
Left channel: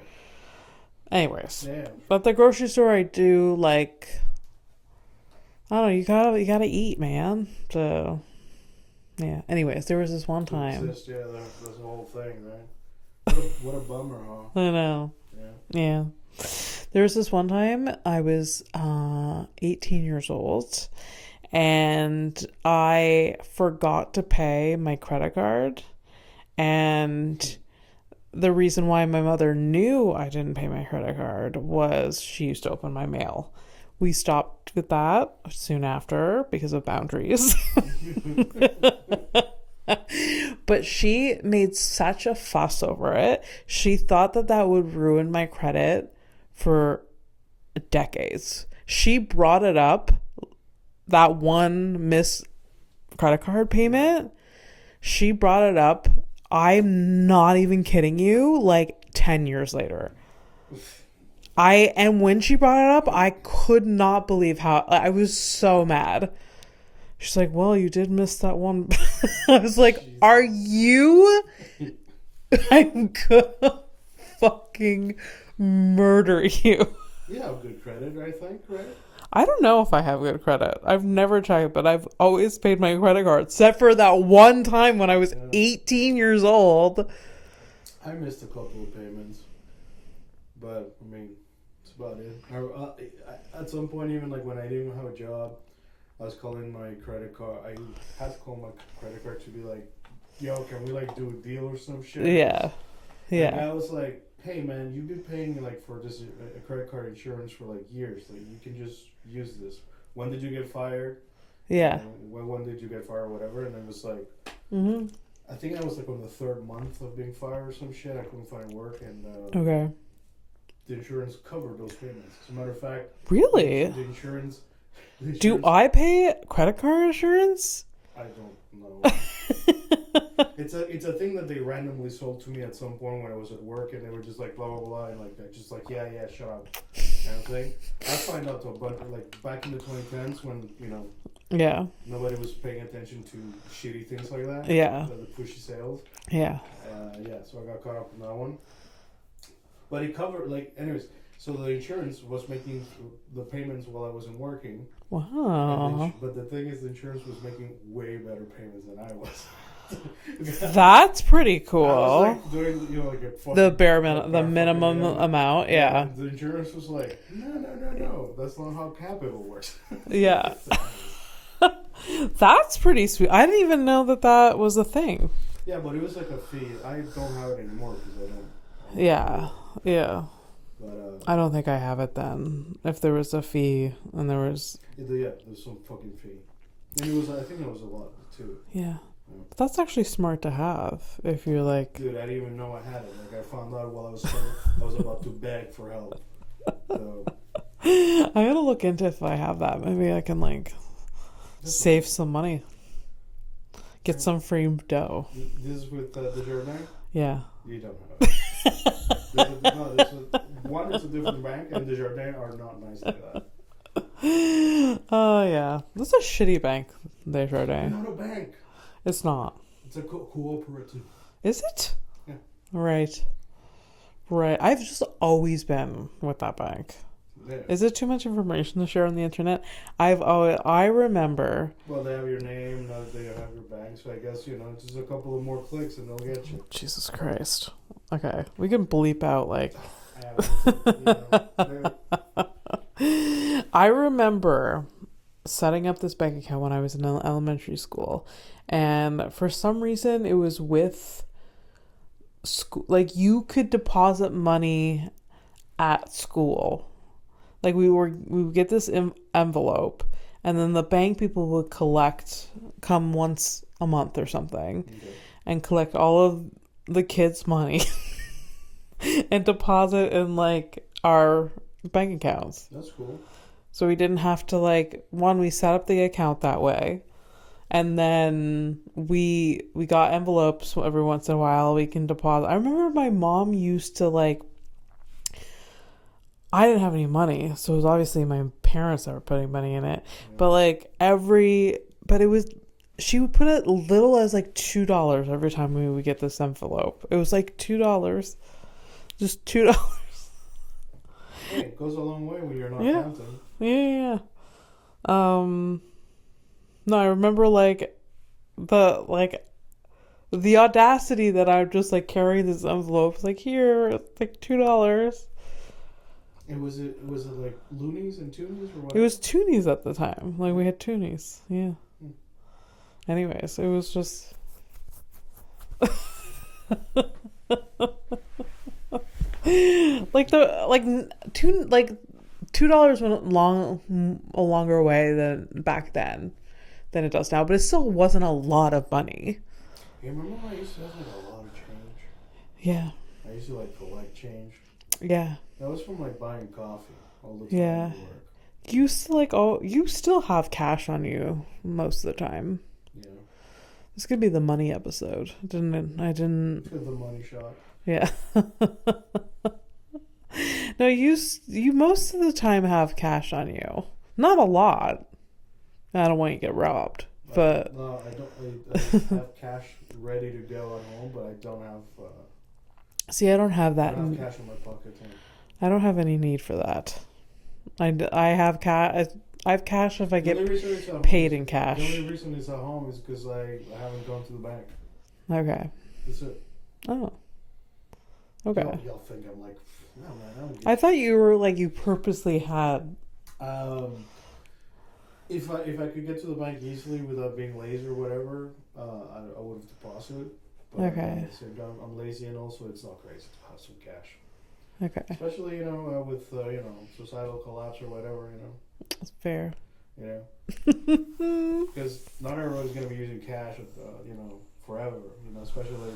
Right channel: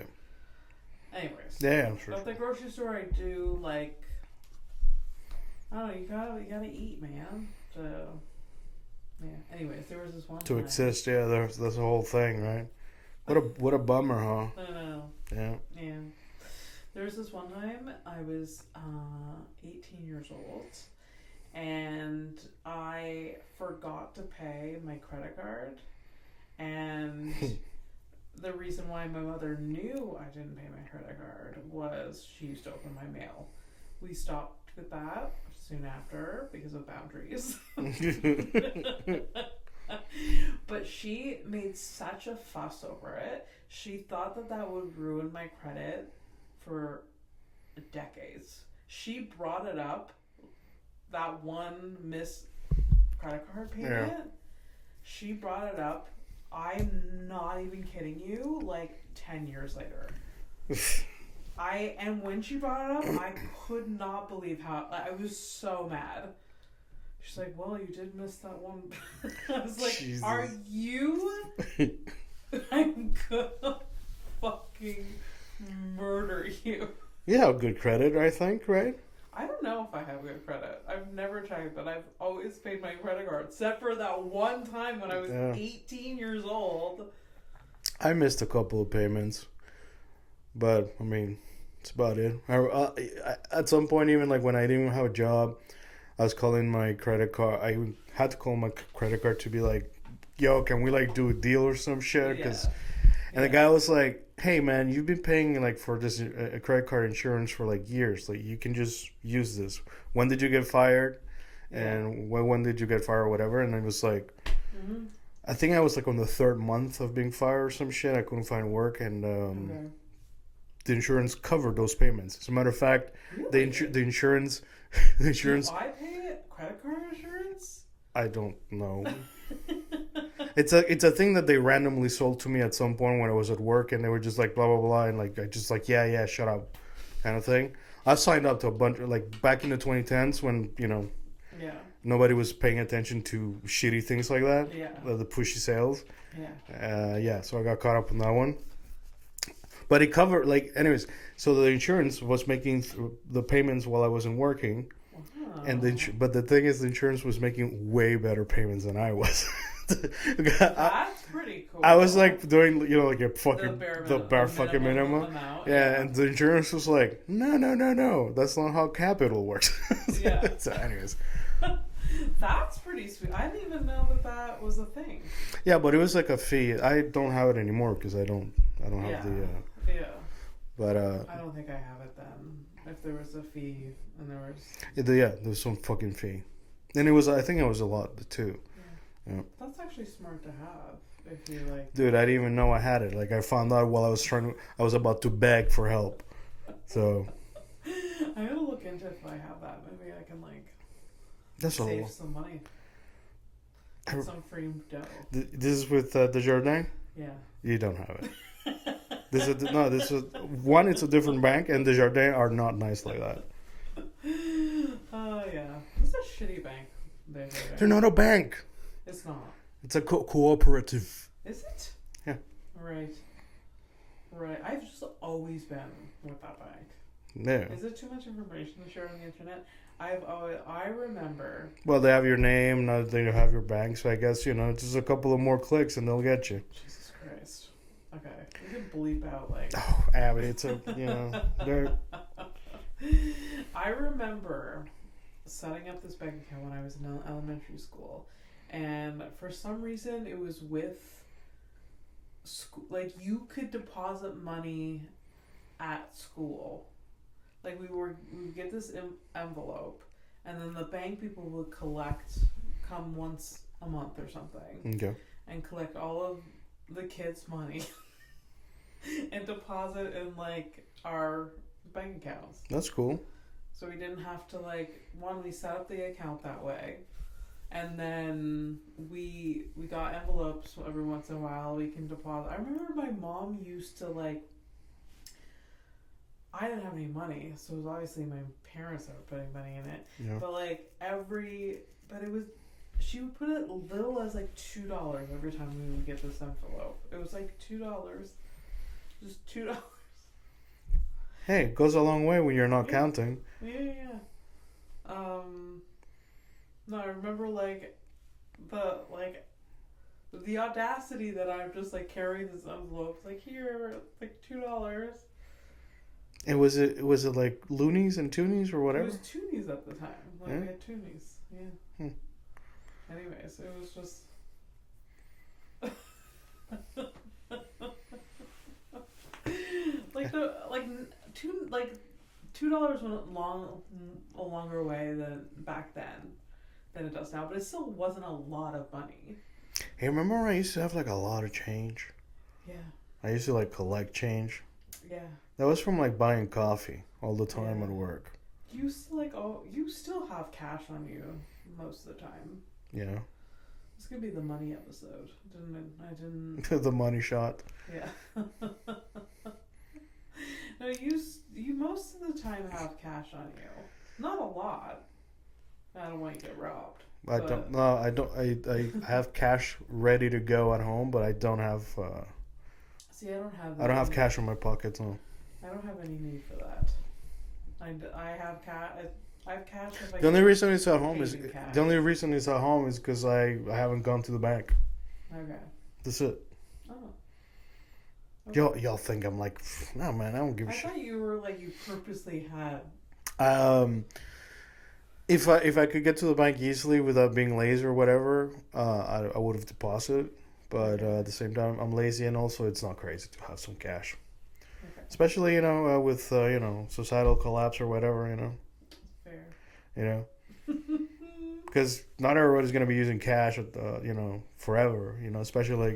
Anyways. Yeah, I'm sure. But the grocery store, I do like, I don't know, you gotta eat, man. So yeah. Anyways, there was this one time. To exist, that's the whole thing, right? What a bummer, huh? I know. Yeah. Yeah. There was this one time I was 18 years old, and I forgot to pay my credit card. And the reason why my mother knew I didn't pay my credit card was she used to open my mail. We stopped with that soon after because of boundaries. But she made such a fuss over it. She thought that that would ruin my credit for decades. She brought it up, that one missed credit card payment. Yeah. She brought it up. I'm not even kidding you, like 10 years later. And when she brought it up, I could not believe how, I was so mad. She's like, well, you did miss that one. I was like, Jesus. Are you? I'm gonna fucking murder you. You have good credit, I think, right? I don't know if I have good credit. I've never checked, but I've always paid my credit card, except for that one time when I was 18 years old. I missed a couple of payments, but I mean, it's about it. At some point, even like when I didn't even have a job, I was calling my credit card. I had to call my credit card to be like, yo, can we like do a deal or some shit? Yeah. And the guy was like, hey man, you've been paying like for this a credit card insurance for like years. Like you can just use this. When did you get fired? Yeah. And when did you get fired or whatever? And I was like, I think I was like on the 3rd month of being fired or some shit. I couldn't find work, and okay. The insurance covered those payments. As a matter of fact, really, the insurance. Do I pay credit card insurance? I don't know. It's a thing that they randomly sold to me at some point when I was at work, and they were just like blah blah blah, and like I just like yeah shut up kind of thing. I signed up to a bunch like back in the 2010s when nobody was paying attention to shitty things like that. Yeah, the pushy sales. Yeah. So I got caught up in that one. But it covered, like, anyways, so the insurance was making the payments while I wasn't working. Wow. But the thing is, the insurance was making way better payments than I was. That's pretty cool. I was, like, doing, like, a fucking... The minimum amount, yeah. And the insurance was like, no. That's not how capital works. Yeah. So anyways. That's pretty sweet. I didn't even know that was a thing. Yeah, but it was, like, a fee. I don't have it anymore because I don't Yeah. But I don't think I have it then. If there was a fee and there was there's some fucking fee. And I think it was a lot too. Yeah. That's actually smart to have if you're like, dude, I didn't even know I had it. Like I found out while I was about to beg for help. So I gotta look into if I have that. Maybe I can like save some money. Get some free dough. This is with Desjardins? Yeah. You don't have it. It's a different bank, and Desjardins are not nice like that. Oh, yeah. This is a shitty bank, Desjardins. They're not a bank. It's not. It's a cooperative. Is it? Yeah. Right. I've just always been with that bank. Yeah. Is it too much information to share on the internet? I remember. Well, they have your name, now they have your bank, so I guess, just a couple of more clicks and they'll get you. Jesus Christ. Okay, we can bleep out like. Oh, Abby, I remember setting up this bank account when I was in elementary school, and for some reason it was with school. Like you could deposit money at school. Like we would get this envelope, and then the bank people would come once a month or something, and collect all of the kids' money and deposit in like our bank accounts. That's cool. So we didn't have to we set up the account that way, and then we got envelopes every once in a while we can deposit. I remember my mom used to I didn't have any money, so it was obviously my parents that were putting money in it. Yeah. But it was, she would put it little as $2 every time we would get this envelope. It was $2, just $2. Hey, it goes a long way when you're not counting. Yeah. No, I remember the audacity that I would just carry this envelope. Here, $2. Was it like loonies and toonies or It whatever? was toonies at the time. Like, Yeah. we had toonies. Yeah. Anyways, it was just... $2 went a longer way than back then than it does now, but it still wasn't a lot of money. Hey, remember when I used to have like a lot of change? Yeah. I used to like collect change. Yeah. That was from like buying coffee all the time at work. You still have cash on you most of the time. You know? This could be the money episode. I didn't The money shot. Yeah. No, you most of the time have cash on you. Not a lot. I don't want you to get robbed. But I don't. I have cash ready to go at home, but I don't have. See, I don't have that. I don't have cash in my pockets. No. I don't have any need for that. I have cash. I have cash if I get paid in cash. The only reason it's at home is because I haven't gone to the bank. Okay. That's it. Oh. Okay. Y'all think I'm like, no man, I don't give. I thought you were like you purposely had. If I could get to the bank easily without being lazy or whatever, I would have deposited. But at the same time, I'm lazy, and also it's not crazy to have some cash. Okay. Especially with societal collapse or whatever, That's fair. Because not everybody's going to be using cash, forever. Especially like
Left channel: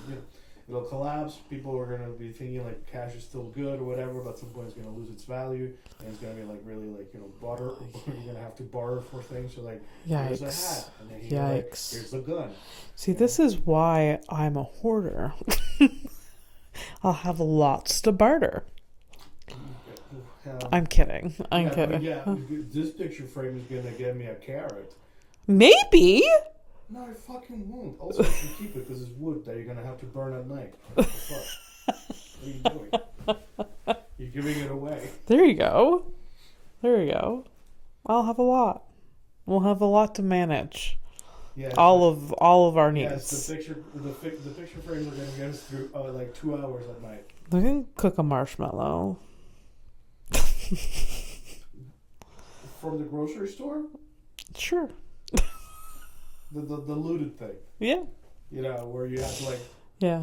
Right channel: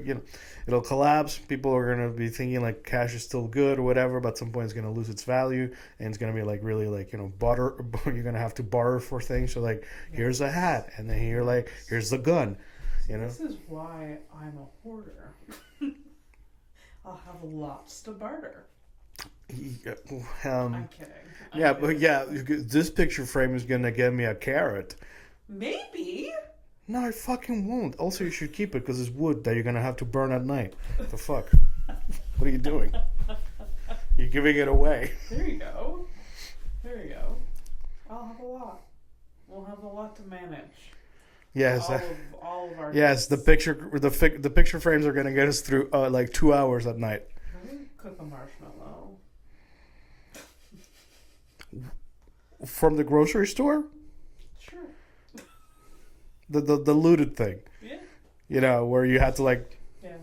it'll collapse. People are going to be thinking like cash is still good or whatever, but at some point it's going to lose its value, and it's going to be like really like barter. You're going to have to barter for things. So like, Yikes. Here's a hat, and then here's the gun. See, this is why I'm a hoarder. I'll have lots to barter. I'm kidding. But this picture frame is gonna get me a carrot. Maybe. No, I fucking won't. Also, you should keep it because it's wood that you're gonna have to burn at night. What the fuck? What are you doing? You're giving it away. There you go. I'll have a lot. We'll have a lot to manage. Yes. All of our needs. Yes, the picture frames are gonna get us through like 2 hours at night. We can cook a marshmallow. From the grocery store? Sure. The looted thing. Yeah. Where you had to like. Yeah.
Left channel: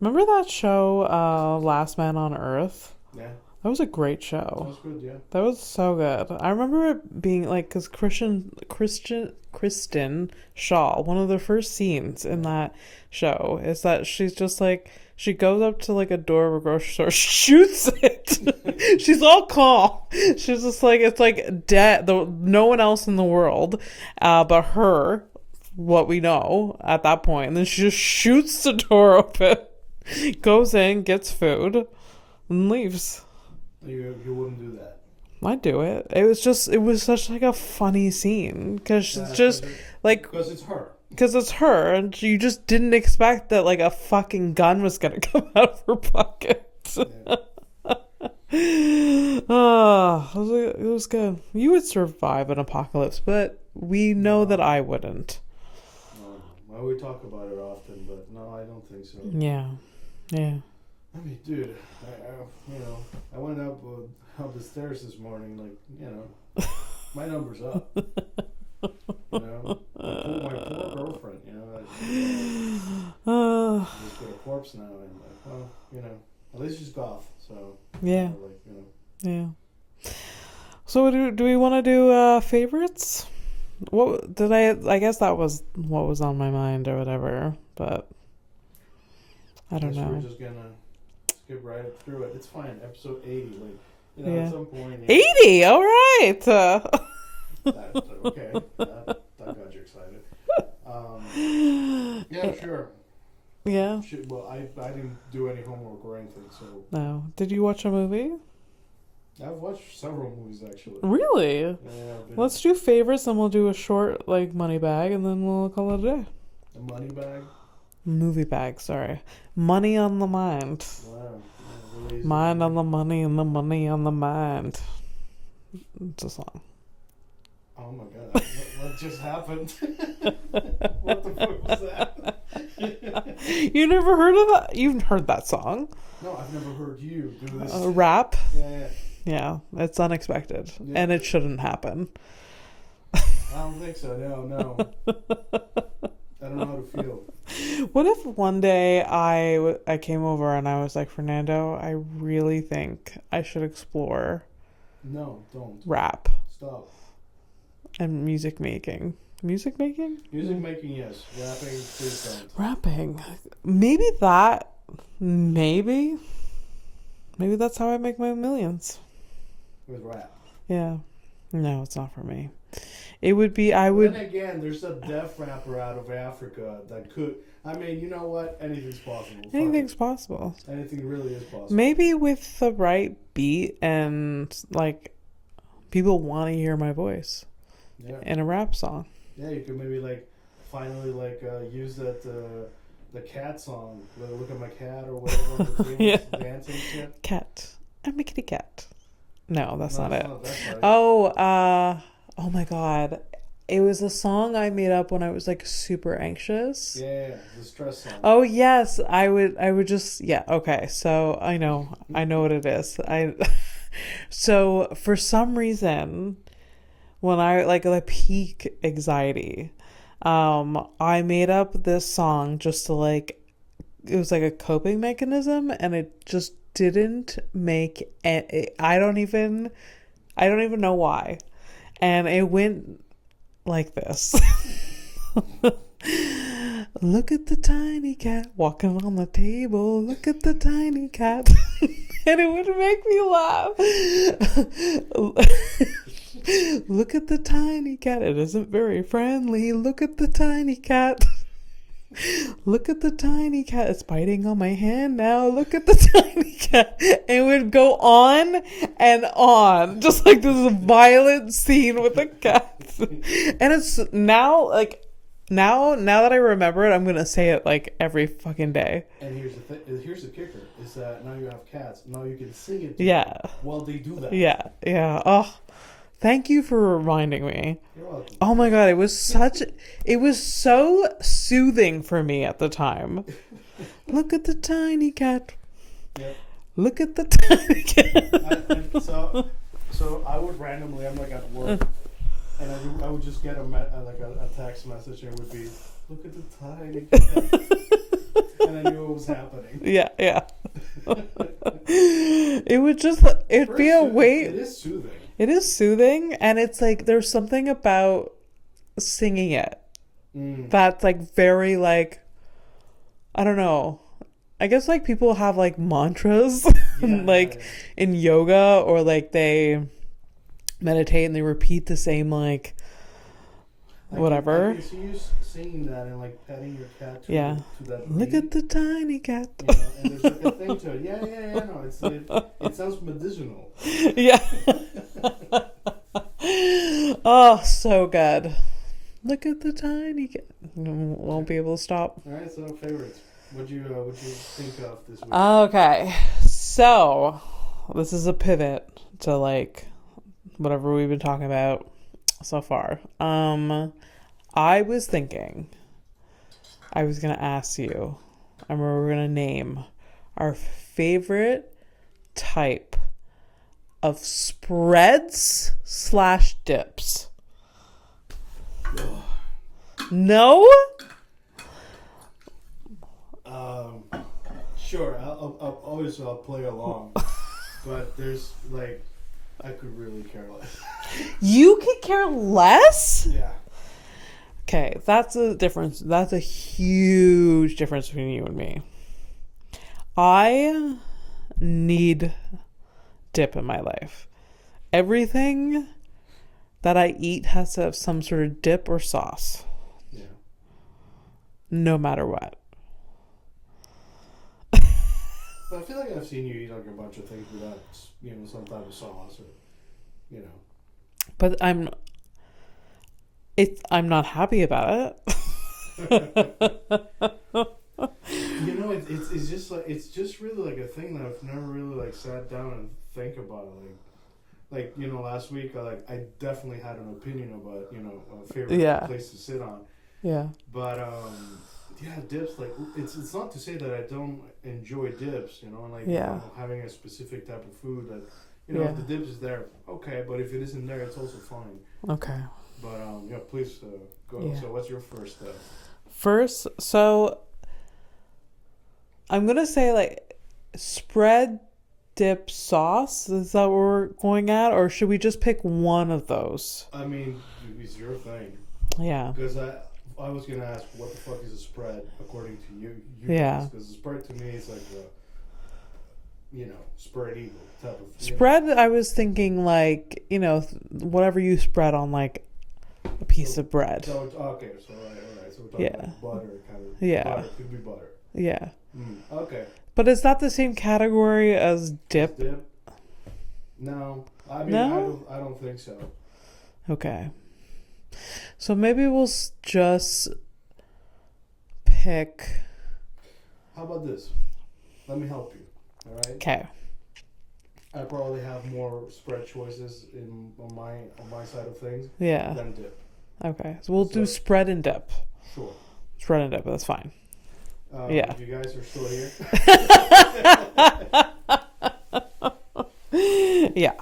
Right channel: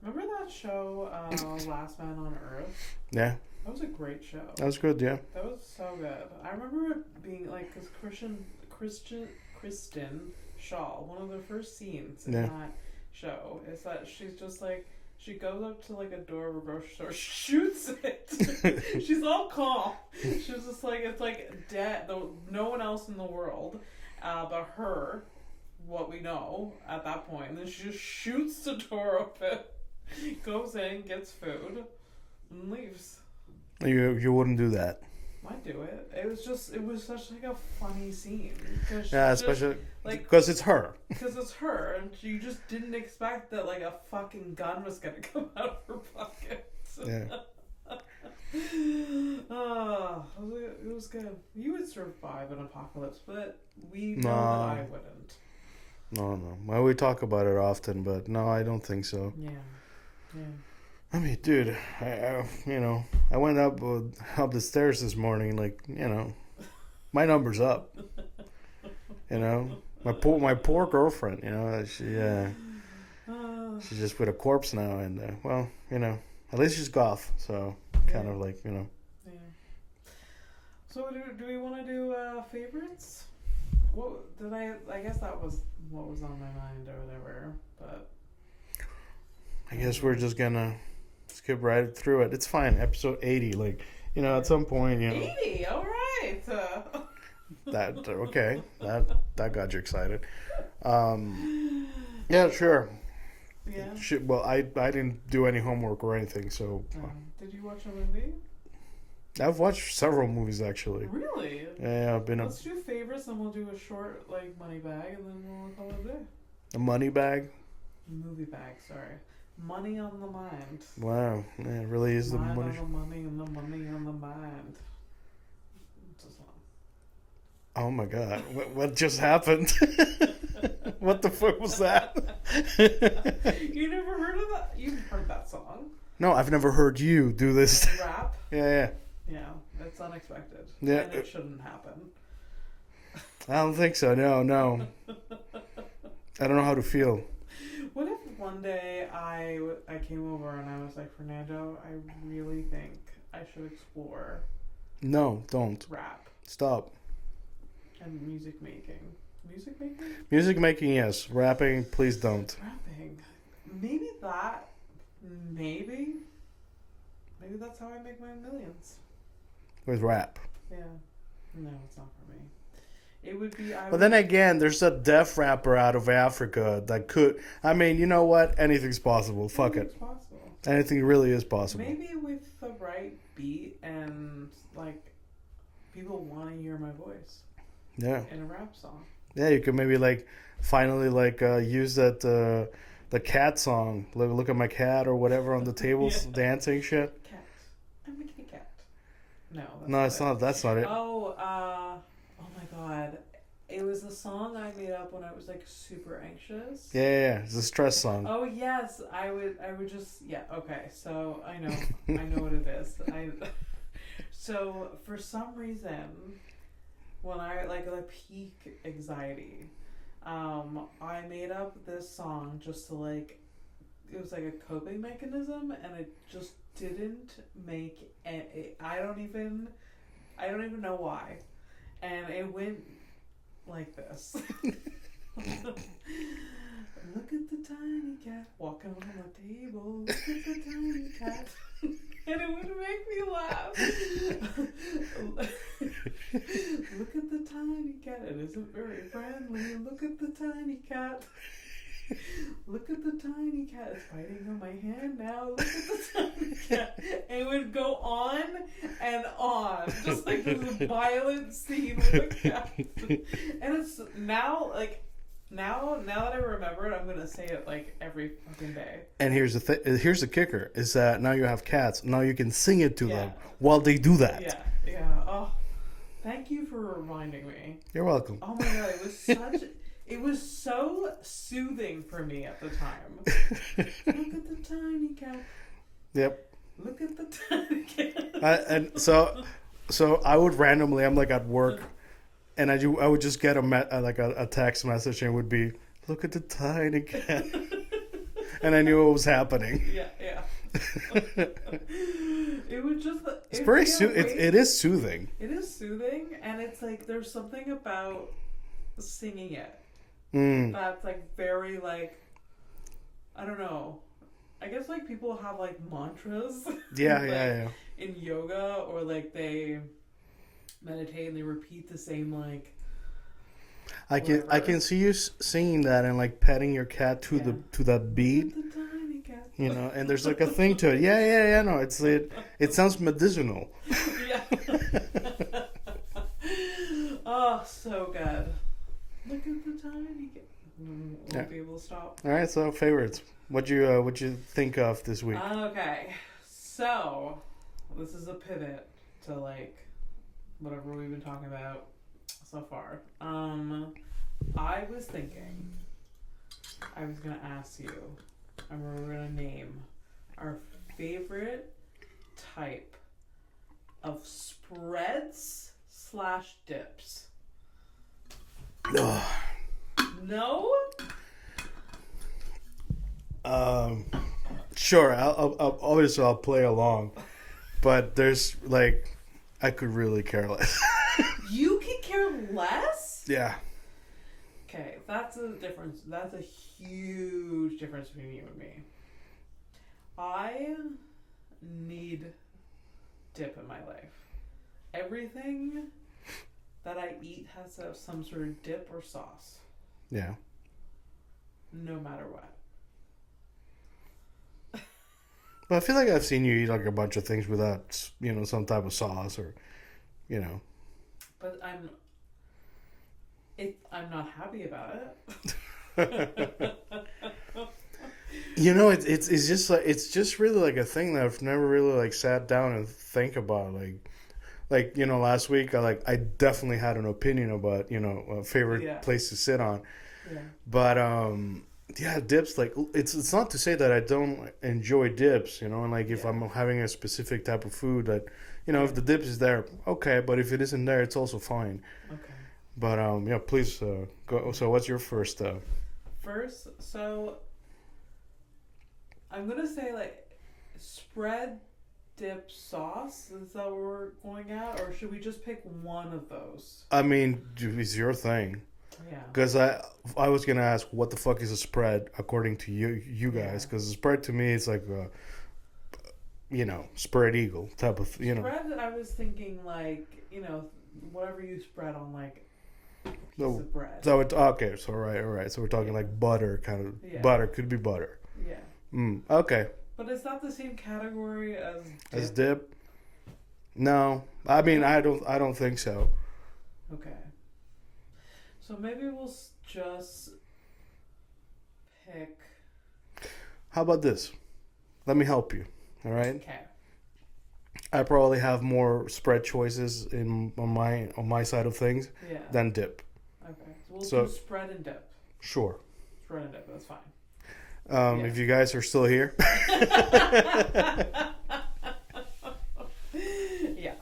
Remember that show, Last Man on Earth? Yeah. That was a great show. That was good, yeah. That was so good. I remember it being like, because Kristen Shaw, one of the first scenes in that show is that she's just like, she goes up to like a door of a grocery store, shoots it. She's all calm. She's just like, it's like dead. No one else in the world, but her, what we know at that point. And then she just shoots the door open, goes in, gets food, and leaves. You wouldn't do that. I'd do it. It was such like a funny scene because because it's her. Because it's her, and you just didn't expect that like a fucking gun was gonna come out of her pocket. Yeah. It was good. You would survive an apocalypse, but we know that I wouldn't. No. Well, we talk about it often, but no, I don't think so. Yeah. I mean, dude, I went up the stairs this morning, like, my number's up. My poor girlfriend, she's just with a corpse now, and at least she's goth, so yeah, kind of like, yeah. So do we want to do favorites? What did I guess that was what was on my mind or whatever, but I guess we're just gonna skip right through it. It's fine. Episode 80, like, at some point. 80. All right. That okay. That got you excited. Yeah, sure. Yeah. Well, I didn't do any homework or anything, so. No. Did you watch a movie? I've watched several movies actually. Really? Yeah, I've been. Let's do favorites, and we'll do a short like money bag, and then we'll call it a day. A money bag. Movie bag, sorry. Money on the mind. Wow. Yeah, it really is. Mind on the money and the money on the mind. It's a song. Oh my god! What just happened? What the fuck was that? You never heard of that? You've heard that song? No, I've never heard you do this. Rap? Yeah. Yeah, it's unexpected, Yeah. and it shouldn't happen. I don't think so. No. I don't know how to feel. What if one day I came over and I was like, Fernando, I really think I should explore No, don't. rap Stop. and music making. Music making? Music making, yes. Rapping, please don't. Rapping. Maybe that's how I make my millions. With rap. Yeah. No, it's not for me. It would be, But then again, there's a deaf rapper out of Africa that could. I mean, you know what? Anything's possible. Fuck anything's it. possible. Anything really is possible. Maybe with the right beat and like people want to hear my voice. Yeah. In a rap song. Yeah, you could maybe like finally like use that the cat song. Look at my cat or whatever on the tables Yeah. dancing shit. Cat. I'm a kitty cat. No, that's No, not that's it. not. That's not it. Oh my god. It was a song I made up when I was like super anxious. Yeah, it's a stress song. Oh yes, I would just okay. So I know what it is. So for some reason, when I like the peak anxiety, I made up this song just to like, it was like a coping mechanism, and it just didn't make I don't even know why, and it went like this. Look at the tiny cat walking on the table. Look at the tiny cat. And it would make me laugh. Look at the tiny cat. It isn't very friendly. Look at the tiny cat. Look at the tiny cat. It's biting on my hand now. Look at the tiny cat. It would go on and on. Just like this violent scene with the cat. And it's now like, now that I remember it, I'm going to say it like every fucking day. And here's the kicker is that now you have cats. Now you can sing it to Yeah. them while they do that. Yeah. Oh, thank you for reminding me. You're welcome. Oh my god, it was so soothing for me at the time. Look at the tiny cat. Yep. Look at the tiny cat. And so I would randomly, I'm like at work, and I would just get a text message, and it would be, look at the tiny cat. And I knew it was happening. Yeah. It would just, it is soothing. It is soothing, and it's like there's something about singing it that's like very like, I don't know. I guess like people have like mantras, in yoga, or like they meditate and they repeat the same like whatever. I can see you singing that and like petting your cat to that beat. Look at the tiny cat. You know, and there's like a thing to it. Yeah. No, it sounds medicinal. Yeah. Oh, so good. Look at the tiny cat. Won't be able to stop. All right, so favorites. What'd you think of this week? Okay, so this is a pivot to like whatever we've been talking about so far. I was thinking I was gonna ask you, and we're gonna name our favorite type of spreads / dips. No? Sure. I'll obviously I'll play along, but there's like, I could really care less. You could care less? Yeah. Okay, that's a difference. That's a huge difference between you and me. I need dip in my life. Everything that I eat has to have some sort of dip or sauce. Yeah. No matter what. But I feel like I've seen you eat like a bunch of things without, some type of sauce or, But I'm not happy about it. It's just like, it's just really like a thing that I've never really like sat down and think about. like, you know, last week I definitely had an opinion about, you know, a favorite place to sit on. Yeah. But yeah, dips, like, it's not to say that I don't enjoy dips, you know, and like if I'm having a specific type of food that, you know, if the dips is there, okay, but if it isn't there, it's also fine. Okay. But yeah, please go. Yeah. So what's your first? First, so I'm gonna say like spread dip sauce. Is that what we're going at, or should we just pick one of those? I mean, it's your thing. Yeah. Because I was gonna ask what the fuck is a spread according to you guys, because a spread to me is like a, you know, spread eagle type of spread. I was thinking like, you know, whatever you spread on like a piece of bread. So it's okay. So all right. So we're talking like butter kind of. Yeah. Butter could be butter. Yeah. Okay. But is that the same category as dip? As dip? No. I mean, no? I don't think so. Okay. So maybe we'll just pick. How about this? Let me help you. All right. Okay. I probably have more spread choices on my side of things. Yeah. Than dip. Okay. So we'll do spread and dip. Sure. Spread and dip. That's fine. If you guys are still here. Yeah.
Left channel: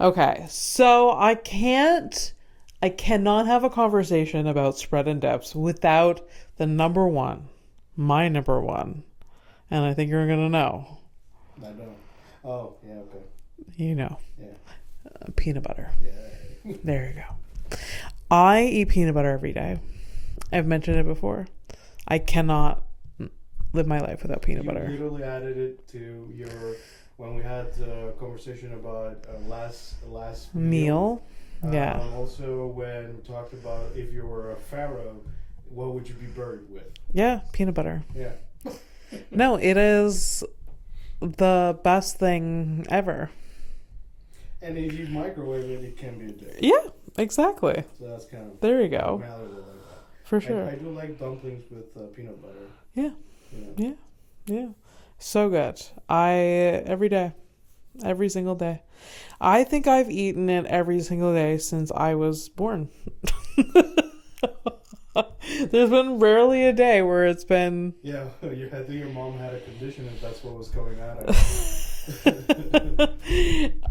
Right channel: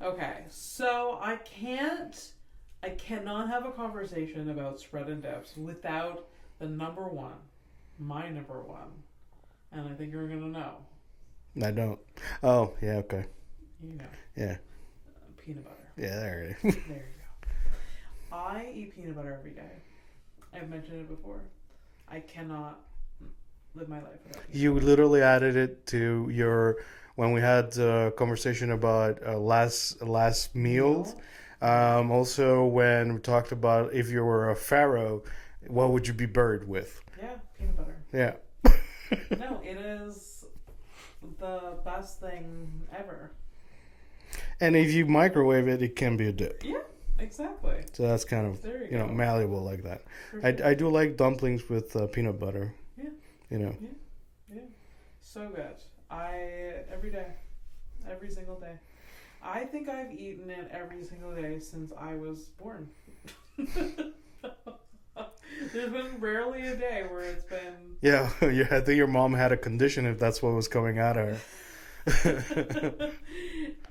Okay. So I cannot have a conversation about spread and dips without the number one, my number one. And I think you're going to know. I don't. Oh, yeah, okay. You know. Yeah. Peanut butter. Yeah, there you go. There you go. I eat peanut butter every day. I've mentioned it before. I cannot live my life without peanut butter. You literally added it to your, when we had a conversation about last meal. Also, when we talked about if you were a pharaoh, what would you be buried with? Yeah, peanut butter. Yeah. No, it is the best thing ever. And if you microwave it, it can be a dip. Yeah, exactly. So that's kind of there you go. Malleable like that. For sure. I do like dumplings with peanut butter. Yeah. You know. Yeah. So good. Every day, every single day. I think I've eaten it every single day since I was born. There's been rarely a day where it's been... Yeah, I think your mom had a condition if that's what was coming out of.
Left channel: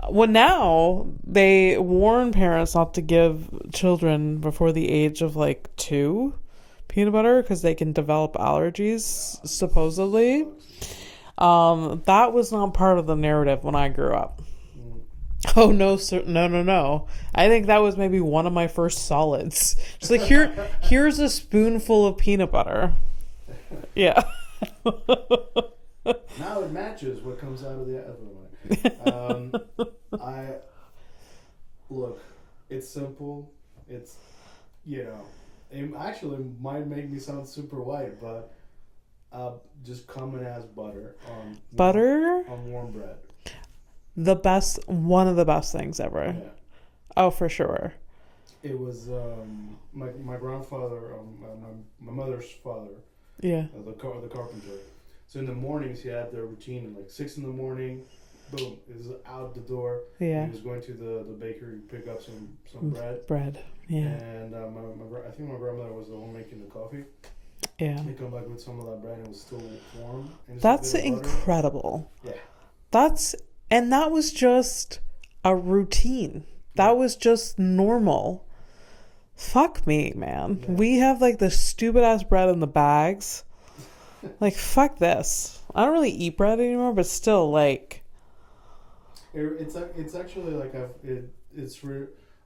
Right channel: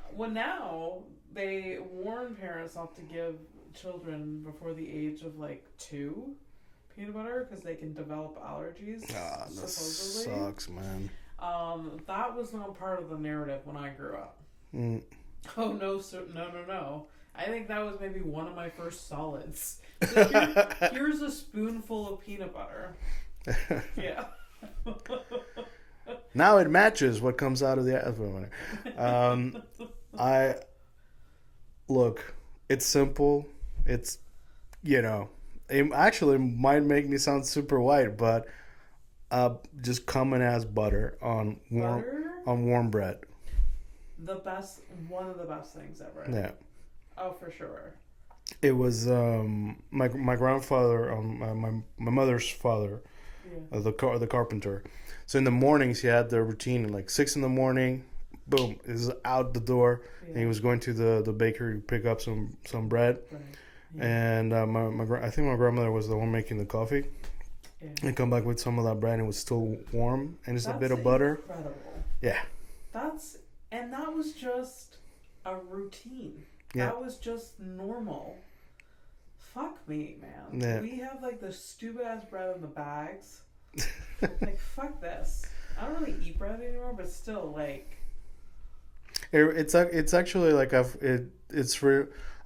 Well, now they warn parents not to give children before the age of like 2 peanut butter because they can develop allergies, supposedly. Sucks, man. That was not part of the narrative when I grew up. Oh no, sir, no. I think that was maybe one of my first solids. Just like here's a spoonful of peanut butter. Yeah. Now it matches what comes out of the look. It's simple. It's, you know, it actually might make me sound super white, but just common as butter on warm bread. One of the best things ever. Yeah. Oh, for sure. It was my grandfather, my mother's father. Yeah. The carpenter. So in the mornings he had the routine, like 6 a.m, boom, is out the door. Yeah. And he was going to the bakery to pick up some bread. Yeah. And I think my grandmother was the one making the coffee. Yeah. And come back with some of that bread and it was still warm and just That's a bit of butter. That's incredible. Yeah. And that was just a routine. That was just normal. Fuck me, man. Yeah. We have like the stupid ass bread in the bags. Like, fuck this. I don't really eat bread anymore, but still, like, it's actually like I've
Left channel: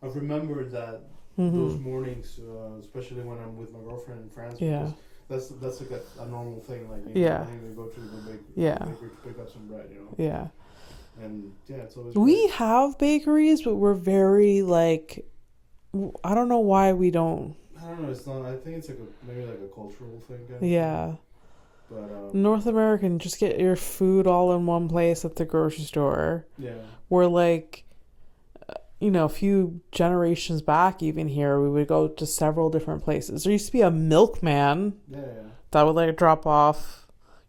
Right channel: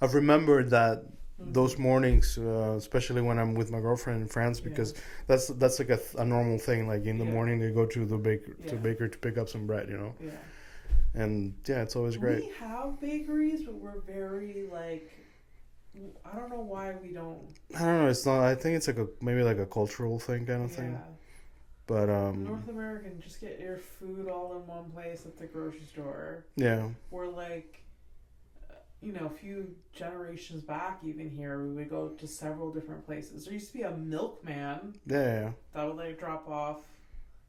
remembered that those mornings, especially when I'm with my girlfriend in France, because that's like a normal thing. Like in the morning, they go to the baker to pick up some bread, you know. Yeah. And it's always we great. have bakeries, but we're very like, I don't know why we don't. I don't know. It's not. I think it's like maybe like a cultural thing kind of thing. Yeah. But North American, just get your food all in one place at the grocery store. Yeah. We're like, a few generations back, even here, we would go to several different places. There used to be a milkman. Yeah. That would like drop off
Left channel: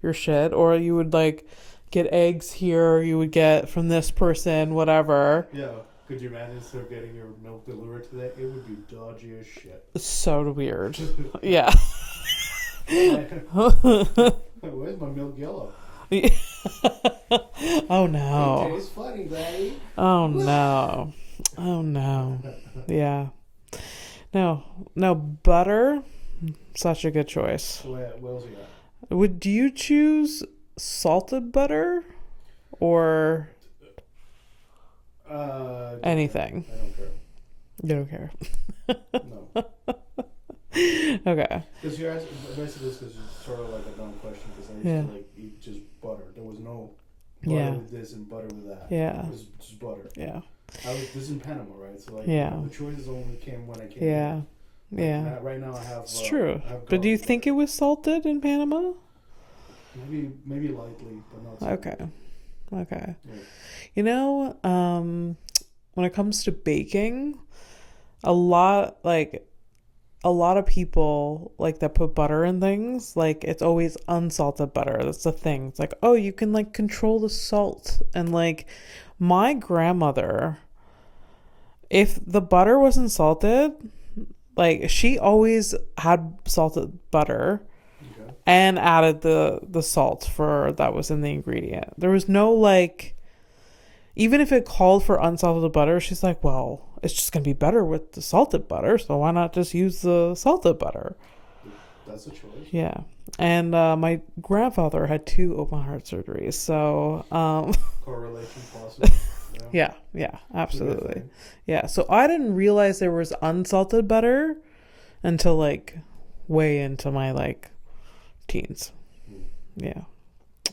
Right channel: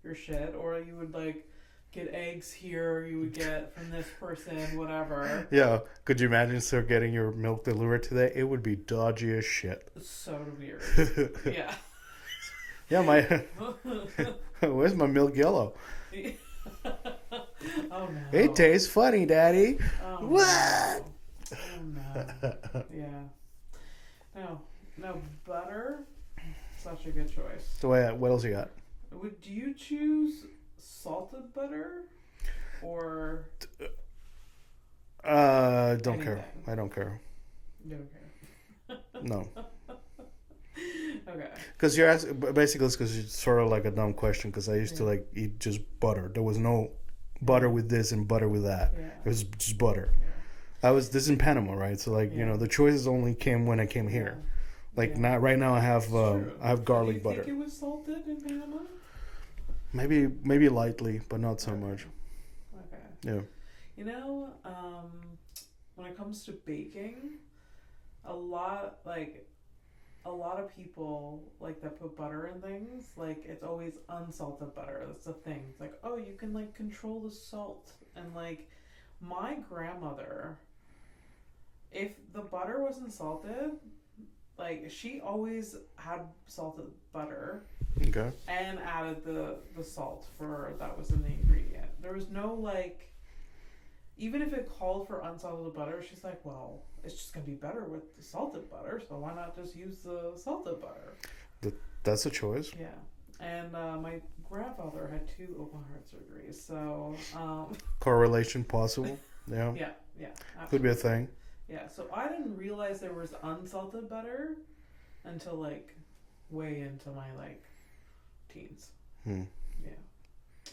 your shit, or you would like get eggs here. You would get from this person, whatever. Yeah. Could you imagine still getting your milk delivered today? It would be dodgy as shit. It's so weird. Yeah. Yeah, where's my milk yellow? Oh no. It tastes funny, Daddy. Oh no. Oh no. Yeah. No, butter. Such a good choice. So what else you got? Would you choose salted butter or anything? Care. I don't care. You don't care. No. Okay. Because you're asking, basically, it's because it's sort of like a dumb question. Because I used to like eat just butter. There was no butter with this and butter with that. Yeah. It was just butter. Yeah. This in Panama, right? So like the choices only came when I came here. Like not right now. I have. It's true. I have garlic. But do you think it was salted in Panama? Maybe lightly, but not so much. Okay. Yeah. You know, when it comes to baking, a lot of people like that put butter in things, like it's always unsalted butter. That's the thing. It's like, oh, you can like control the salt. And like my grandmother, if the butter wasn't salted, like she always had salted butter. Okay. And added the salt that was in the ingredient. There was no like, even if it called for unsalted butter, she's like, well, it's just gonna be better with the salted butter, so why not just use the salted butter? That's a choice. Yeah. And my grandfather had 2 open heart surgeries, so correlation possible. Yeah, absolutely. Could be a thing. Yeah, so I didn't realize there was unsalted butter until like way into my like teens. Yeah.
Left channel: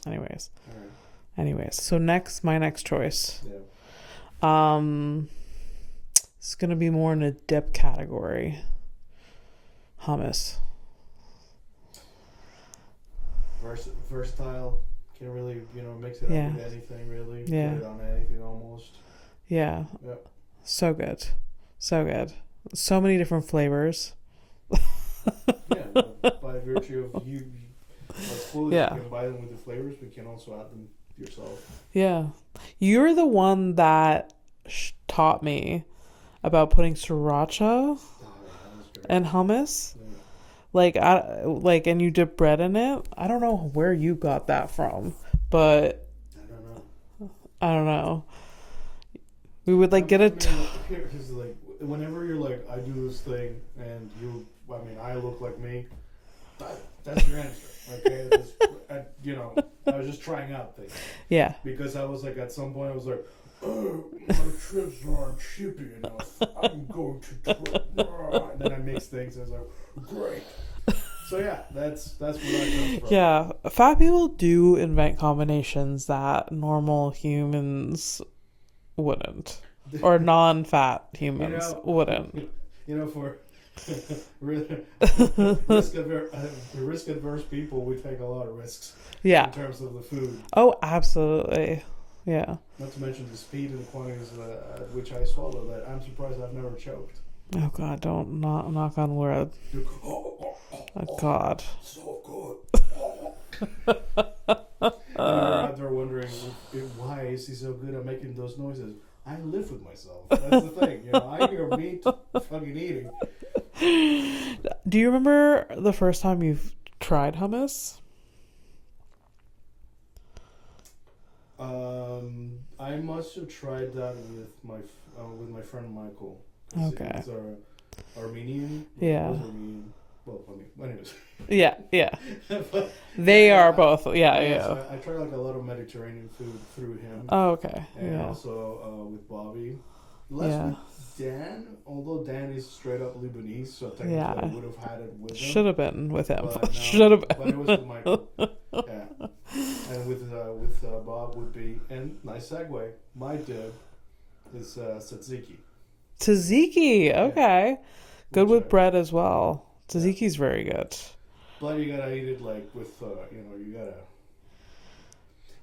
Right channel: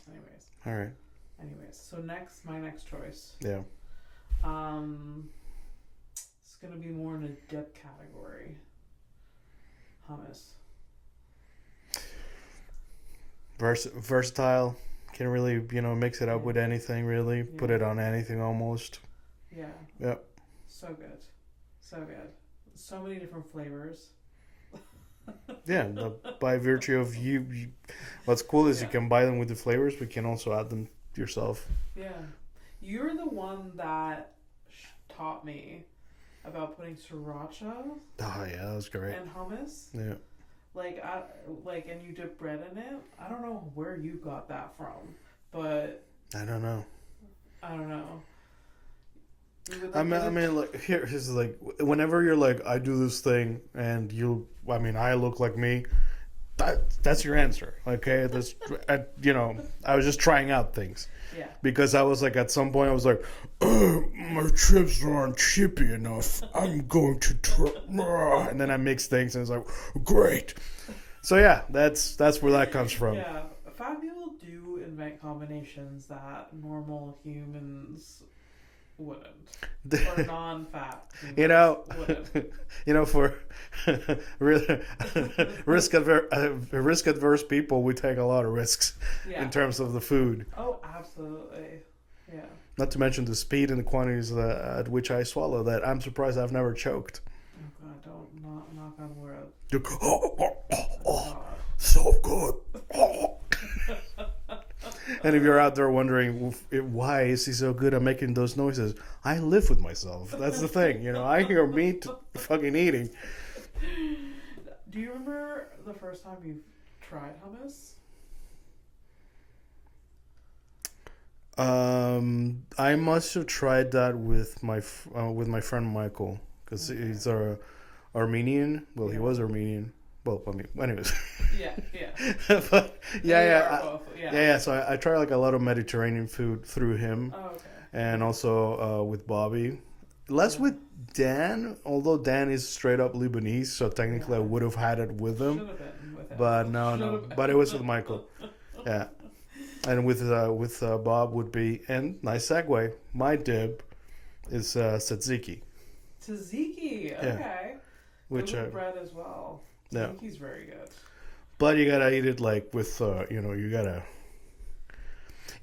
Anyways. All right. So my next choice. Yeah. It's gonna be more in a dip category. Hummus. Versatile. Can really, mix it up with anything, really. Yeah. Put it on anything almost. Yeah. Yep. So good. So many different flavors. Yeah, by virtue of you what's cool is you can buy them with the flavors, but you can also add them yourself. Yeah. You're the one that taught me about putting sriracha. Oh yeah, that was great. And hummus. Yeah. And you dip bread in it. I don't know where you got that from, but I don't know. We would here's like whenever you're like, I do this thing and I look like me. That's your answer, okay? I was just trying out things. Yeah. Because I was like, at some point, I was like, my chips aren't chippy enough. I'm going to try. And then I mix things, and it's like, great. So yeah, that's where that comes from. Yeah, fat people do invent combinations that normal humans wouldn't, or non-fat humans wouldn't. For risk adverse people, we take a lot of risks. Yeah. In terms of the food. Oh, absolutely. Yeah. Not to mention the speed and the quantities at which I swallow. That I'm surprised I've never choked. Oh God! Don't knock on wood. Oh God. So good. And if you're out there wondering why is he so good at making those noises, I live with myself. That's the thing. I hear meat fucking eating. Do you remember the first time you've tried hummus? I must have tried that with my friend Michael, because he's Armenian. Well, he was Armenian. Well, anyways. Yeah. But, they are both. Yeah. So I try like a lot of Mediterranean food through him. Oh, okay. And also with Bobby. Less with Dan, although Dan is straight up Lebanese, so technically I would have had it with him. Should have been with him. But no. But it was with Michael. Yeah. And with Bob would be, and nice segue, my dip is tzatziki. Tzatziki, okay. Good with bread as well. Tzatziki's very good. But you gotta eat it like with, you gotta...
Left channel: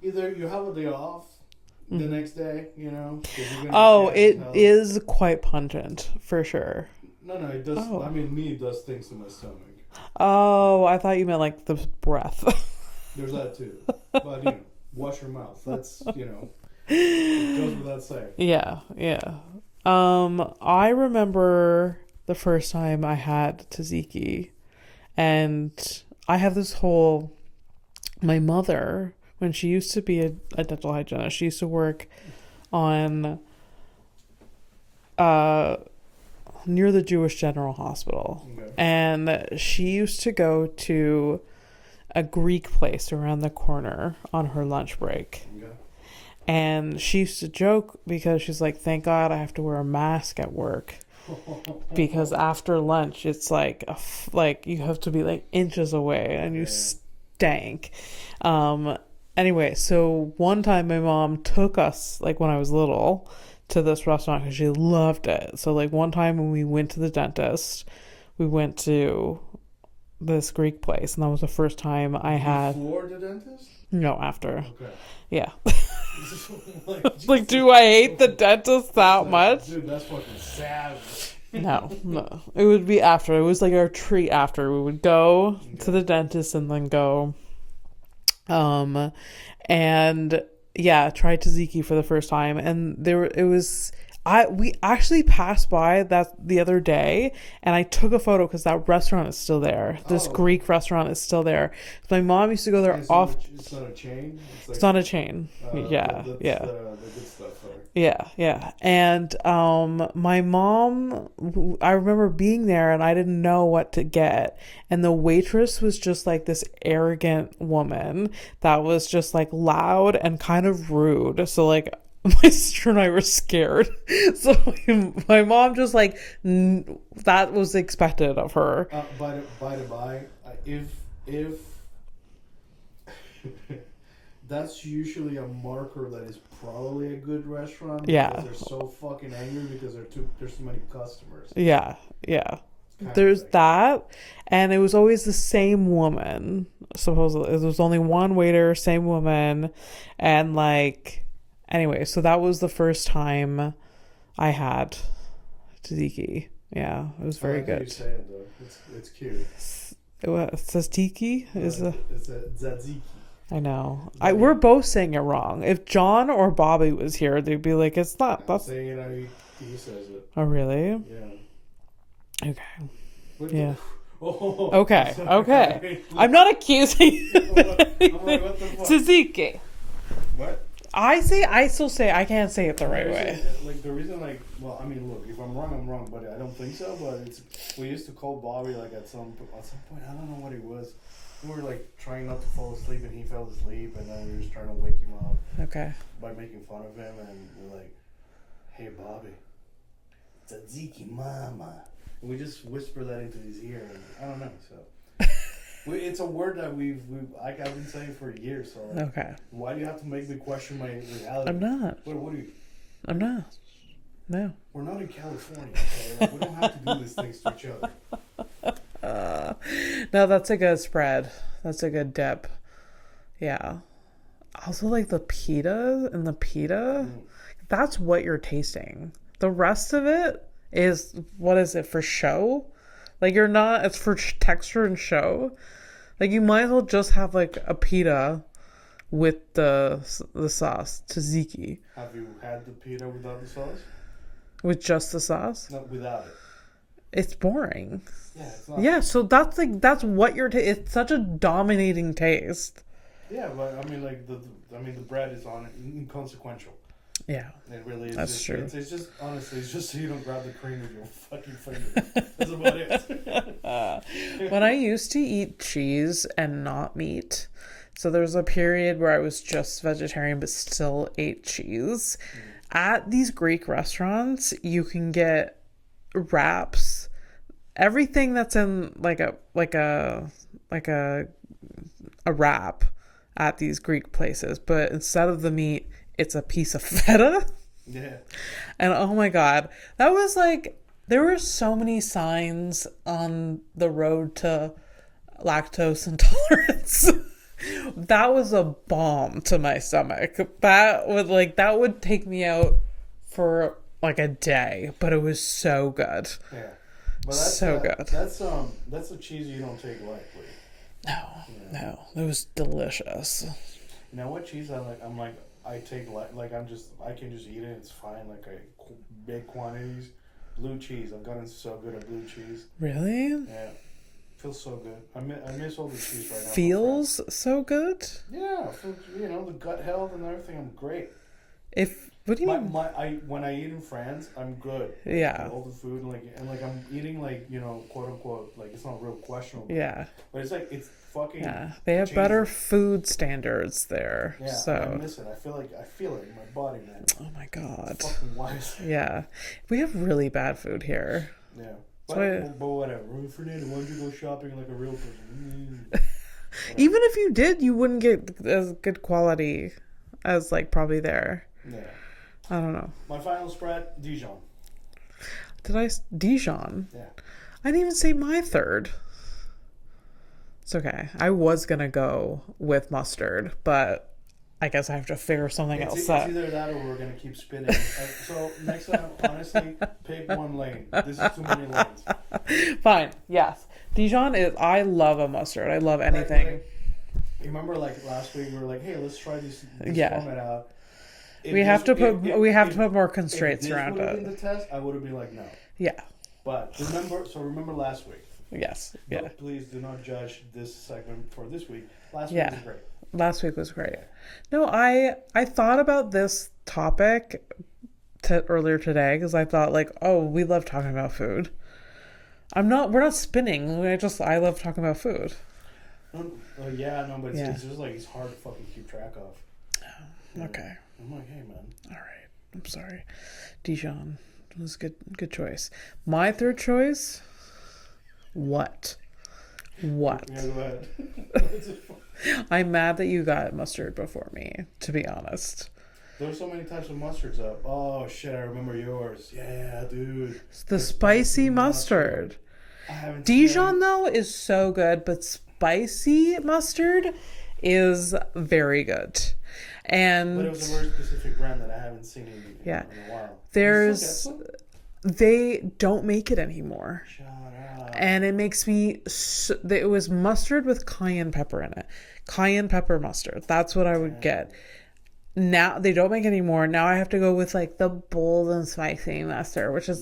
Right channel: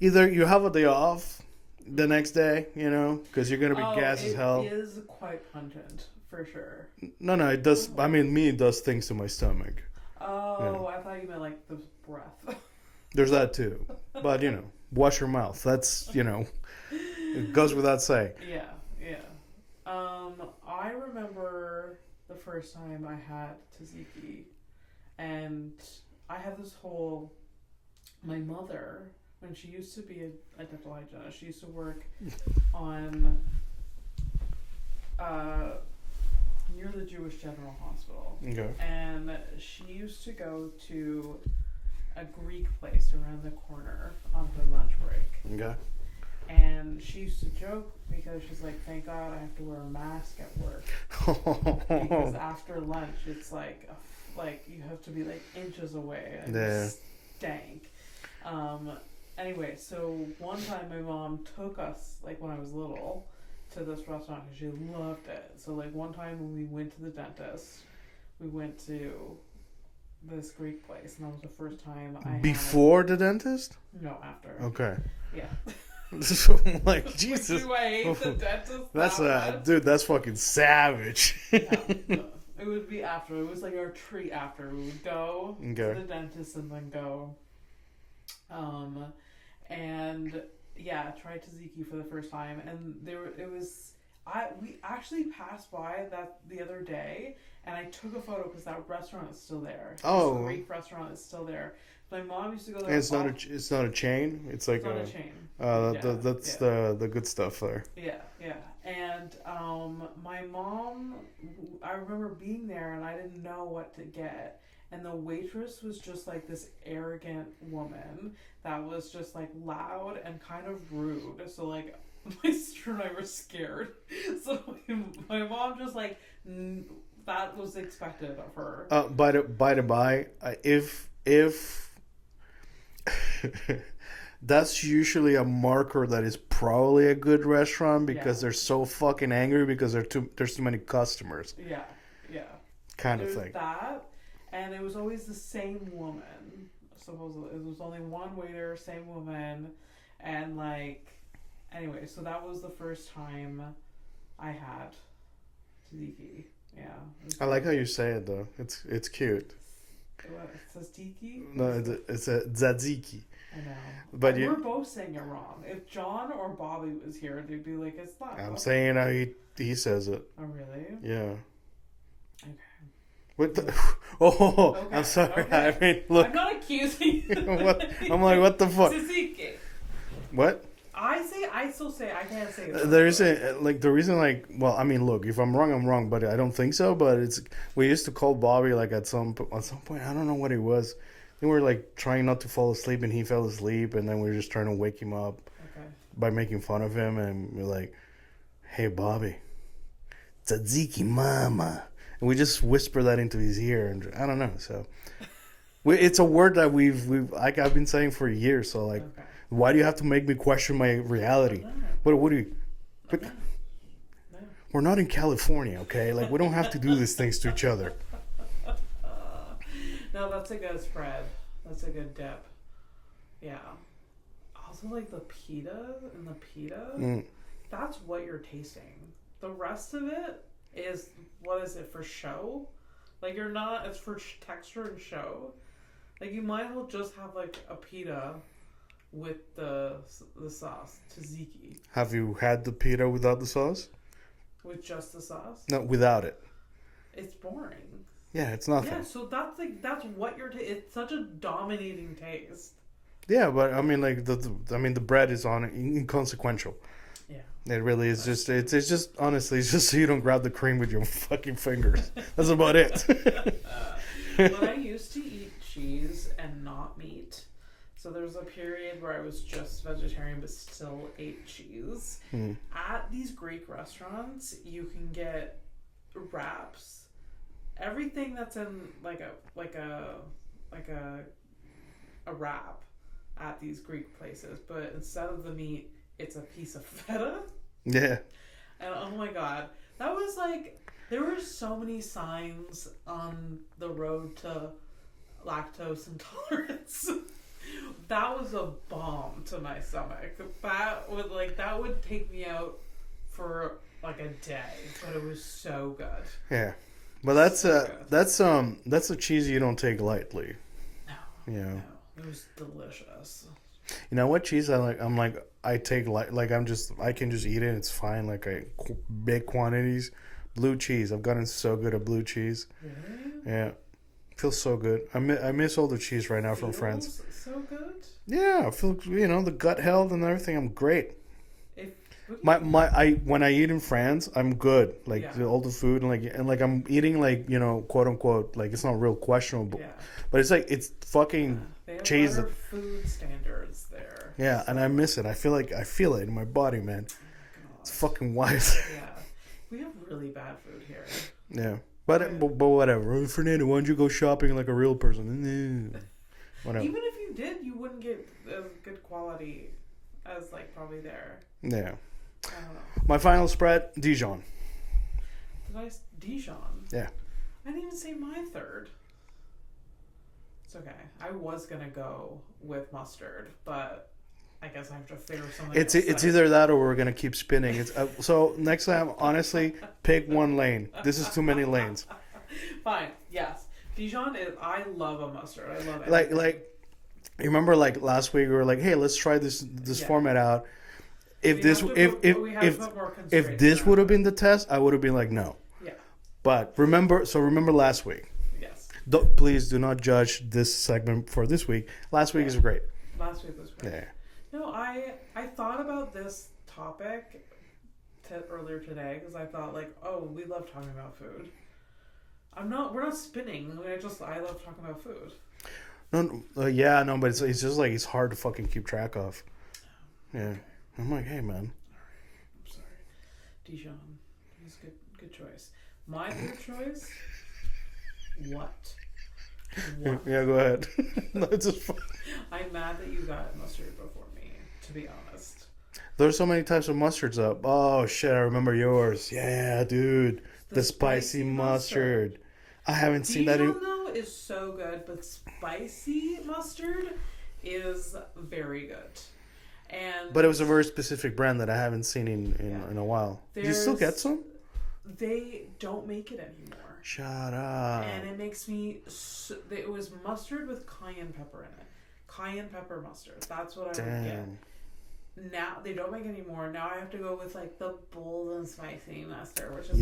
Either you have a day off the next day, because you're gonna be gassed as hell. It is quite pungent, for sure. No, it does... Oh. I mean, it does things to my stomach. Oh, I thought you meant like the breath. There's that too. But, wash your mouth. That's, it goes without saying. Yeah, yeah. I remember the first time I had tzatziki, and I have this whole. My mother, when she used to be a dental hygienist, she used to work on near the Jewish General Hospital. Okay. And she used to go to a Greek place around the corner on her lunch break. Okay. And she used to joke because she's like, thank God I have to wear a mask at work. Because after lunch, it's like, you have to be like inches away and you stank. Anyway, so one time my mom took us, like when I was little, to this restaurant because she loved it. So like one time when we went to the dentist, we went to this Greek place, and that was the first time I had. Before the dentist? No, after. Okay. Yeah. like, do I hate the dentist that much? Dude, that's fucking savage. No. It would be after. It was like our treat after. We would go to the dentist and then go. And yeah, tried tzatziki for the first time, and we actually passed by that the other day, and I took a photo because that restaurant is still there. This Greek restaurant is still there. My mom used to go there. It's not a chain. It's not a chain. That's the good stuff there. Yeah. And my mom, I remember being there, and I didn't know what to get. And the waitress was just like this arrogant woman that was just like loud and kind of rude. So like, my sister and I were scared. So my mom just like, that was expected of her. By the by, if that's usually a marker that is probably a good restaurant, because they're so fucking angry because there's too many customers. Yeah. There's that, and it was always the same woman. Supposedly, there was only one waiter, same woman, and like. Anyway, so that was the first time I had tzatziki. Yeah, it was very good. How you say it though. It's cute. It says tiki. No, it's a tzatziki. I know. We're both saying it wrong. If John or Bobby was here, they'd be like, "It's not." I'm saying how he says it. Oh really? Yeah. Okay. What the? Yeah. Oh. Okay. Okay. I mean, look, I'm not accusing you. I'm like, what the fuck? Tzatziki. What? I still say I can't say it the right way. The reason, I mean, look, if I'm wrong, I'm wrong, but I don't think so. But we used to call Bobby like at some point, I don't know what it was. We were like trying not to fall asleep, and he fell asleep, and then we were just trying to wake him up. Okay. By making fun of him, and we're like, "Hey, Bobby, tzatziki, mama," and we just whisper that into his ear, and I don't know, so. It's a word that I've been saying for years. So like, okay. Why do you have to make me question my reality? I'm not. What do you? I'm not. No. We're not in California, okay? Like we don't have to do these things to each other. No, that's a good spread. That's a good dip. Yeah. Also, like the pita and the pita. That's what you're tasting. The rest of it is, what is it, for show? Like you're not. It's for texture and show. Like you might as well just have like a pita with the sauce, tzatziki. Have you had the pita without the sauce? With just the sauce? No, without it. It's boring. Yeah, it's not. Yeah, so that's what you're. It's such a dominating taste. Yeah, but I mean, like the bread is inconsequential. Yeah, it really is. Just true. It's just honestly, it's just so you don't grab the cream with your fucking fingers. That's about it. When I used to eat cheese and not meat, so there was a period where I was just vegetarian but still ate cheese. At these Greek restaurants, you can get wraps, everything that's in like a wrap at these Greek places, but instead of the meat, it's a piece of feta. Yeah. And oh my God, that was like, there were so many signs on the road to lactose intolerance. That was a bomb to my stomach. That would take me out for like a day, but it was so good. Yeah. But that's so good. That's a cheese you don't take lightly. No. It was delicious. You know what cheese I like? I take like I can just eat it. It's fine. Like big quantities. Blue cheese. I've gotten so good at blue cheese. Really? Yeah. Feels so good. I miss all the cheese right now Feels from France. so good? Yeah, I feel, the gut health and everything. I'm great. What do you mean? When I eat in France, I'm good. Like, yeah. All the food and I'm eating like, quote unquote, like it's not real questionable. Yeah. But it's like it's fucking. Yeah. They have cheesy. better food standards there. Yeah, so. and I miss it. I feel it in my body, man. Oh my god. It's fucking wild. Yeah, we have really bad food here. Yeah, but whatever. Fernando, why don't you go shopping like a real person? Even if you did, you wouldn't get as good quality as like probably there. Yeah. I don't know. My final spread, Dijon. Dijon? Yeah. I didn't even say my third. It's okay. I was going to go with mustard, but I guess I have to figure something else out. It's either that or we're going to keep spinning. So next time, honestly, pick one lane. This is too many lanes. Fine. Yes. Dijon is, I love a mustard. I love anything. Like, you remember like last week we were like, hey, let's try this format out. We have to put more constraints. If this would have been the test, I would have been like, no. Yeah. But remember last week. Yes. Please do not judge this segment for this week. Last week was great. Last week was great. Yeah. No, I thought about this topic earlier today because I thought like, oh, we love talking about food. We're not spinning. I love talking about food. No, but it's just like it's hard to fucking keep track of. Yeah. Okay. I'm like, hey, man. All right. I'm sorry. Dijon was good choice. My third choice. What? Yeah, go ahead. I'm mad that you got mustard before me, to be honest. There's so many types of mustards up. Oh, shit, I remember yours. Yeah, dude. The spicy mustard. I haven't seen Dijon, though, is so good, but spicy mustard is very good. But it was a very specific brand that I haven't seen in a while. Do you still get some? They don't make it anymore. Shut up. And it makes me... it was mustard with cayenne pepper in it. Cayenne pepper mustard. That's what I would get. Now, they don't make it anymore. Now I have to go with like the bold and spicy mustard, which is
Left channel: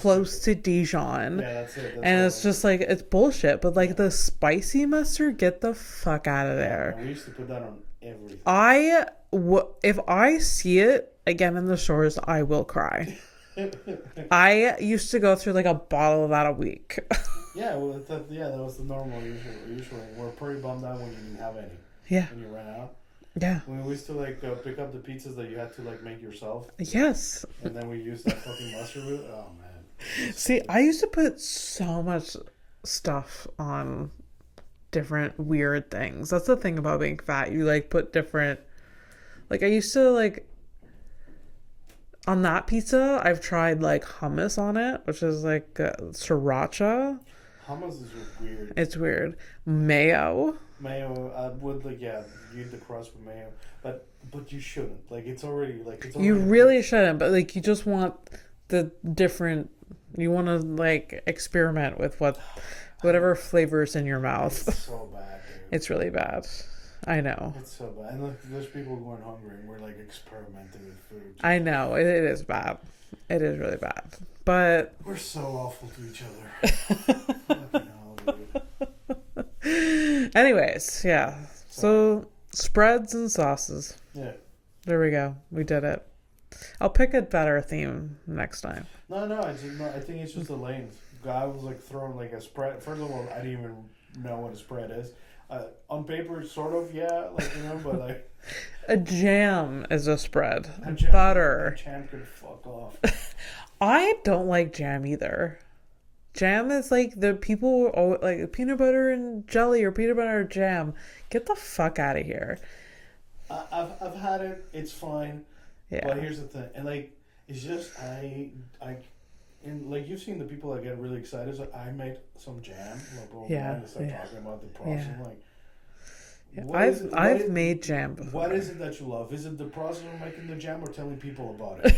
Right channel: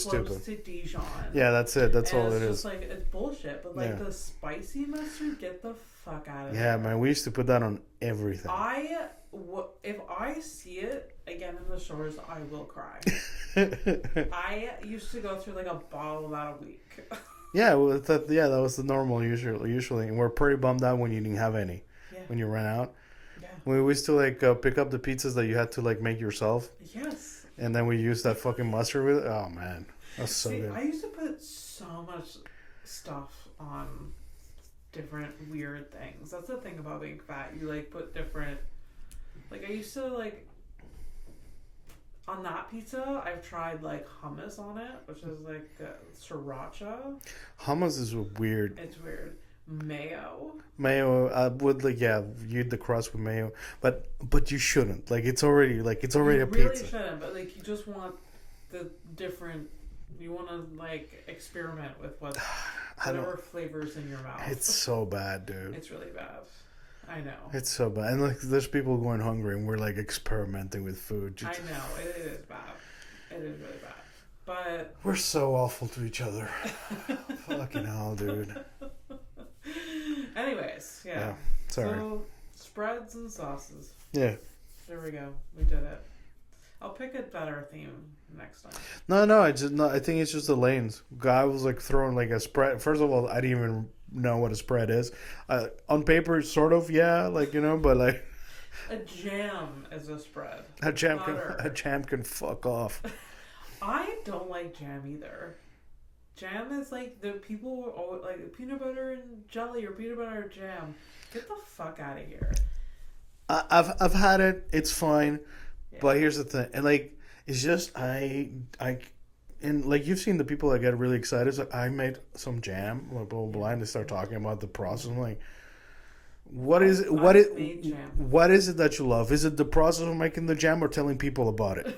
close to Dijon. Yeah, that's it. That's and it's just like, it's bullshit. But like the spicy mustard, get the fuck out of there. Yeah, man, we used to put that on everything. If I see it again in the stores, I will cry. I used to go through like a bottle of that a week. That was the normal usually. And we're pretty bummed out when you didn't have any. Yeah. When you ran out. Yeah. We used to like pick up the pizzas that you had to like make yourself. Yes. And then we used that fucking mustard with it. Oh man. See, I used to put so much stuff on different weird things. That's the thing about being fat. You like put different, like I used to like on that pizza I've tried like hummus on it, which is like sriracha. Hummus is weird. It's weird. Mayo would you'd the crust with mayo, but you shouldn't. It's already you really shouldn't, but like you just want the different, you want to like experiment with whatever flavors in your mouth. It's so bad, dude. It's really bad. I know. It's so bad. And like there's people going hungry and we're like experimenting with food. I know. It is bad. It is really bad. But we're so awful to each other. Fucking hell, dude. Anyways, yeah. So spreads and sauces. Yeah. There we go. We did it. I'll pick a better theme next time. No, I think it's just the lanes. I was like throwing like a spread. First of all, I didn't even know what a spread is. On paper, sort of, but like a jam is a spread. A jam can fuck off. I don't like jam either. Jam is like the people like peanut butter and jelly or peanut butter and jam. Get the fuck out of here. I've had it. It's fine. Yeah. But here's the thing, and like it's just and like you've seen the people that get really excited. So I made some jam, blah blah blah, and they start talking about the process. I'm like, what is it? I've made jam before. What is it that you love? Is it the process of making the jam or telling people about it?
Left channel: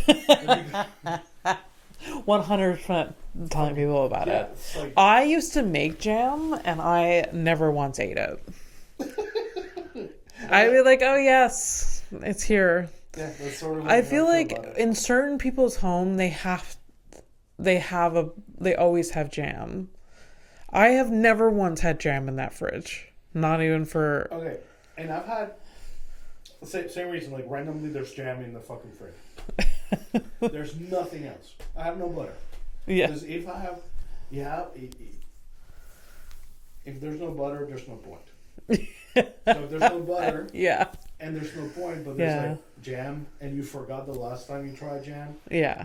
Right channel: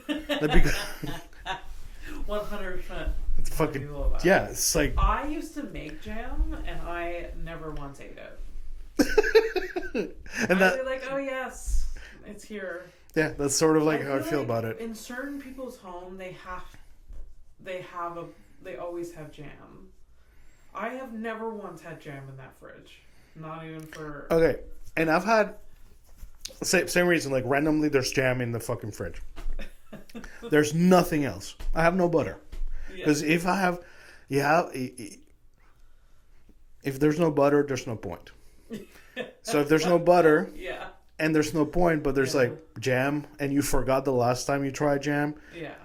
100% telling people about it. Yeah, it's like I used to make jam and I never once ate it. I'd be like, oh yes, it's here. Yeah, that's sort of like I feel like about it. in certain people's home, they always have jam. I have never once had jam in that fridge. Not even for... Okay, and I've had... Same reason, like randomly there's jam in the fucking fridge. There's nothing else. I have no butter. Yeah. Because if I have... If there's no butter, there's no point. So if there's no butter... Yeah. And there's no point, but there's like jam, and you forgot the last time you tried jam. Yeah.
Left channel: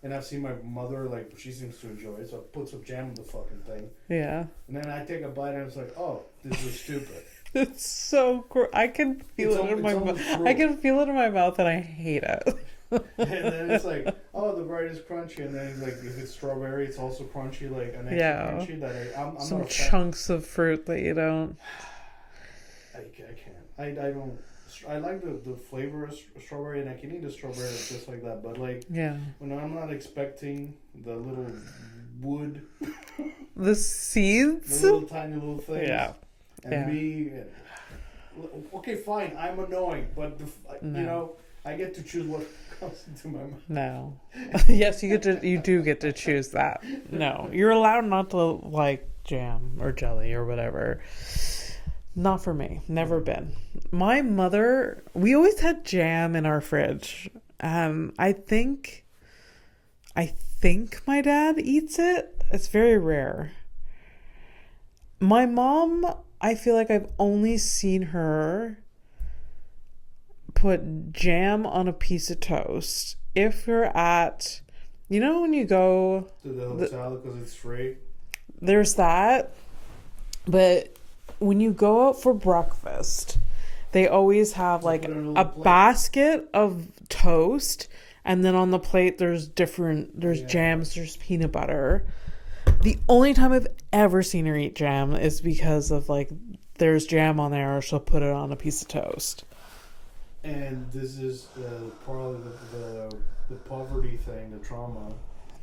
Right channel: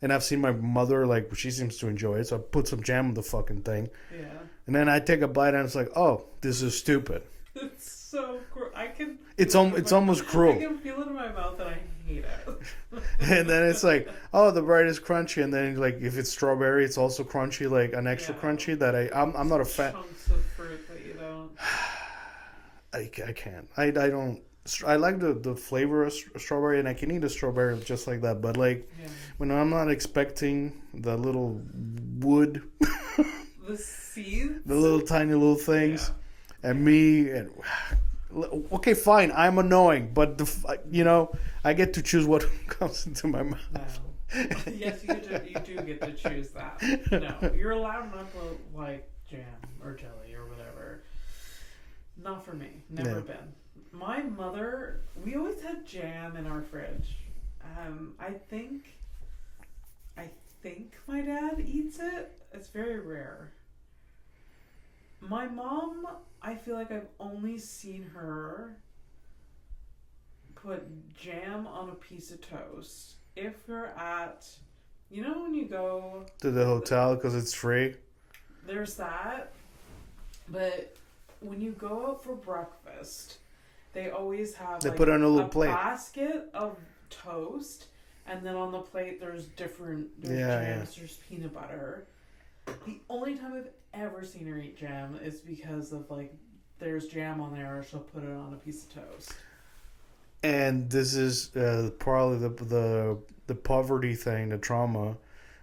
And I've seen my mother, like, she seems to enjoy it, so I put some jam on the fucking thing. Yeah. And then I take a bite, and it's like, oh, this is stupid. It's so cruel. I can feel it's almost cruel. I can feel it in my mouth, and I hate it. And then it's like, oh, the bread is crunchy, and then like if it's strawberry, it's also crunchy, like an extra crunchy that I'm not a fan. Chunks of fruit that you don't. I can't. I don't. I like the flavor of strawberry, and I can eat a strawberry just like that. But like, when I'm not expecting the little wood, the seeds, the little tiny little things, okay, fine, I'm annoying, but you know, I get to choose what comes into my mouth. No, yes, you do get to choose that. No, you're allowed not to like jam or jelly or whatever. Not for me. Never been. My mother, we always had jam in our fridge. I think my dad eats it. It's very rare. My mom, I feel like I've only seen her put jam on a piece of toast. If you're at, you know, when you go to the hotel because it's free. There's that. But when you go out for breakfast, they always have like a basket of toast, and then on the plate there's jams, there's peanut butter. The only time I've ever seen her eat jam is because of like there's jam on there, or she'll put it on a piece of toast. And this is probably the poverty thing, the trauma.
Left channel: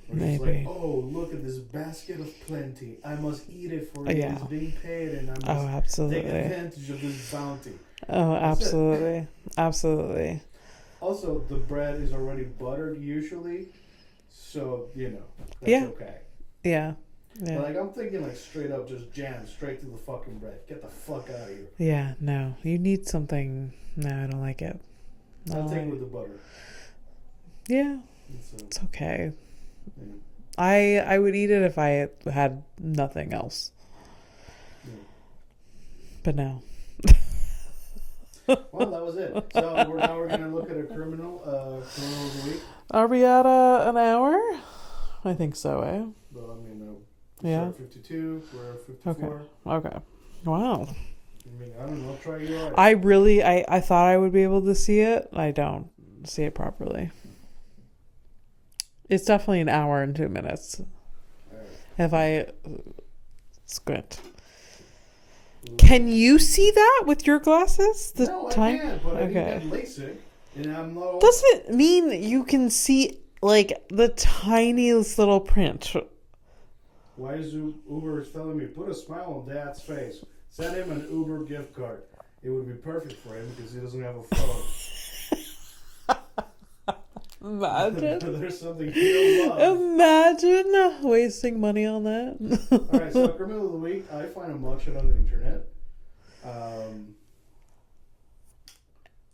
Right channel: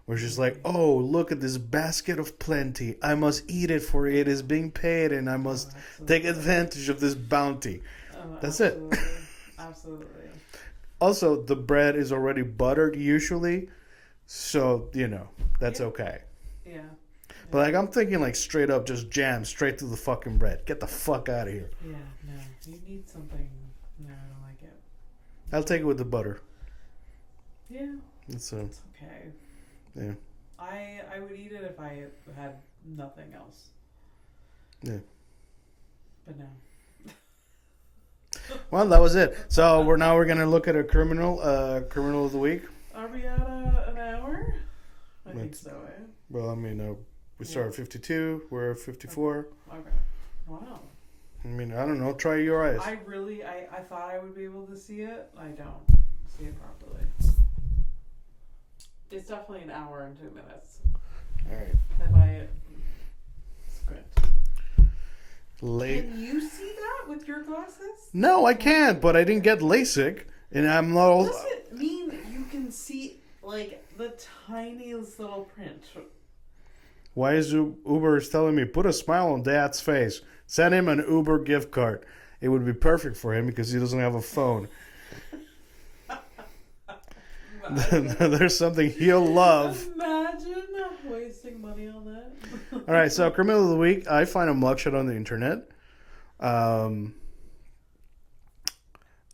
We're just like, oh, look at this basket of plenty. I must eat it, for it is being paid, and I must take advantage of this bounty. Oh, that's absolutely. It. Absolutely. Also, the bread is already buttered usually, so, you know, that's okay. Yeah. But, like, I'm thinking, like, straight up just jam straight to the fucking bread. Get the fuck out of here. Yeah, no. You need something. No, I don't like it. I'll take it with the butter. Yeah. It's okay. Yeah. I would eat it if I had nothing else. Yeah. But no. Well, that was it. So we're gonna look at a criminal of the week. Are we at an hour? I think so, eh? Well, I mean, we started at 52. We're at 54. Okay. Wow. I mean, I don't know. Try your eyes. I thought I would be able to see it. I don't see it properly. It's definitely an hour and 2 minutes. All right. If I squint. Can you see that with your glasses? No, I can't, but I didn't get LASIK, and I'm not old. Doesn't mean you can see, like, the tiniest little print. Why is Uber telling me, put a smile on Dad's face? Send him an Uber gift card. It would be perfect for him because he doesn't have a phone. Imagine. There's something he'll love. Imagine wasting money on that. All right, so criminal of the week. I find a mugshot on the internet. And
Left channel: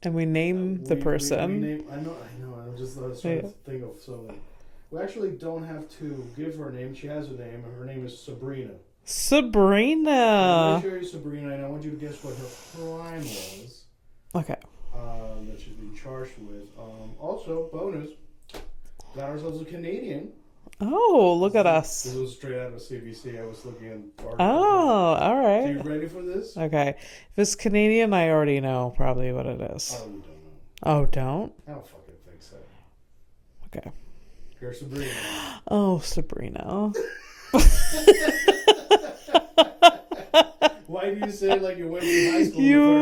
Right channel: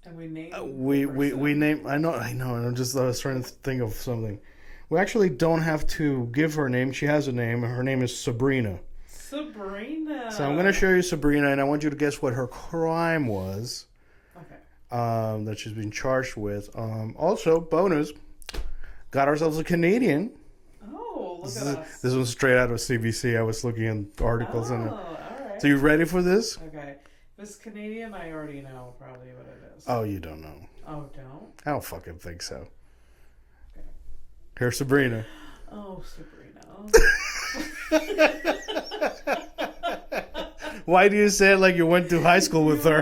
we name the person. We name. I know. I was trying to think of something. We actually don't have to give her a name. She has a name. Her name is Sabrina. Sabrina. So I'm going to show you Sabrina, and I want you to guess what her crime was. Okay. That she's been charged with. Also, bonus, got ourselves a Canadian. Oh, look at us. This was straight out of CBC. I was looking at articles. Oh, all right. So you ready for this? Okay. If it's Canadian, I already know probably what it is. Oh, you don't know. Oh, don't? I don't fucking think so. Okay. Here's Sabrina. Oh, Sabrina. Why do you say it like you went to high school with her?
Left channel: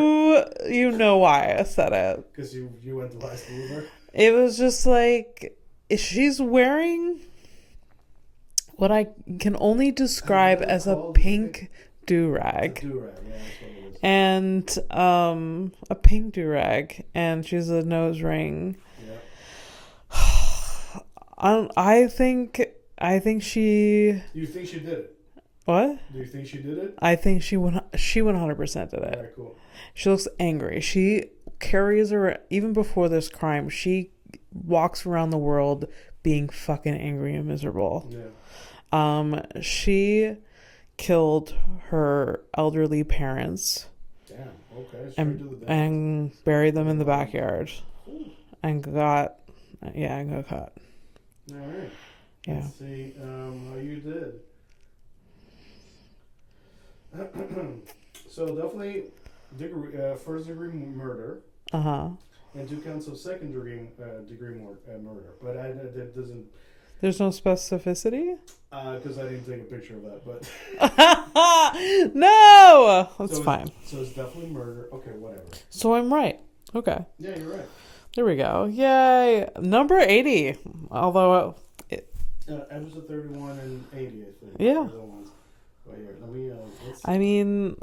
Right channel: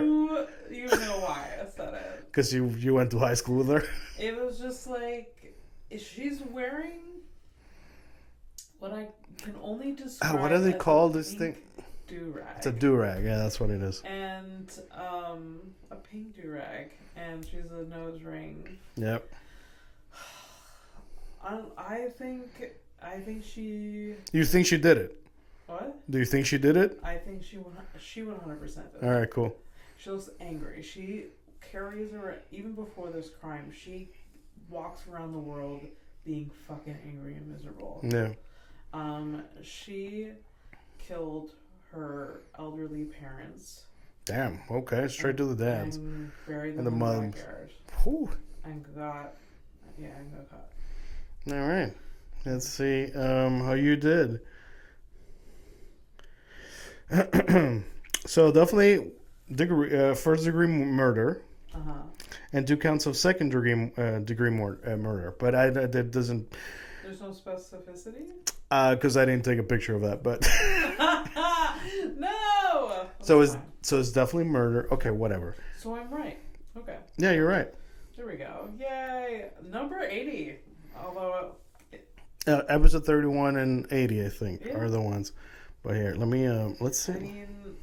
You know why I said it. Because you went to high school with her? It was just like, she's wearing what I can only describe as a do-rag. It's a do-rag. Yeah, that's what it is. And a pink do-rag. And she's a nose ring. Yep. I think she... You think she did it? What? Do you think she did it? I think she 100% did it. All right, cool. She looks angry. She carries her... Even before this crime, she walks around the world being fucking angry and miserable. Yeah. She killed her elderly parents. Damn. Okay. Straight to the dance. And buried them in the moms. backyard. Ooh. And got caught. All right. Let's see how you did. So definitely first degree murder. And 2 counts of second degree murder. But that doesn't... There's no specificity? Because I didn't take a picture of that, but... No! That's fine. So it's definitely murder. Okay, whatever. So I'm right. Okay. Yeah, you're right. There we go. Yay. Number 80. Although... Episode 31 and 80, I think, are the ones. But here, let me... let's see. I mean,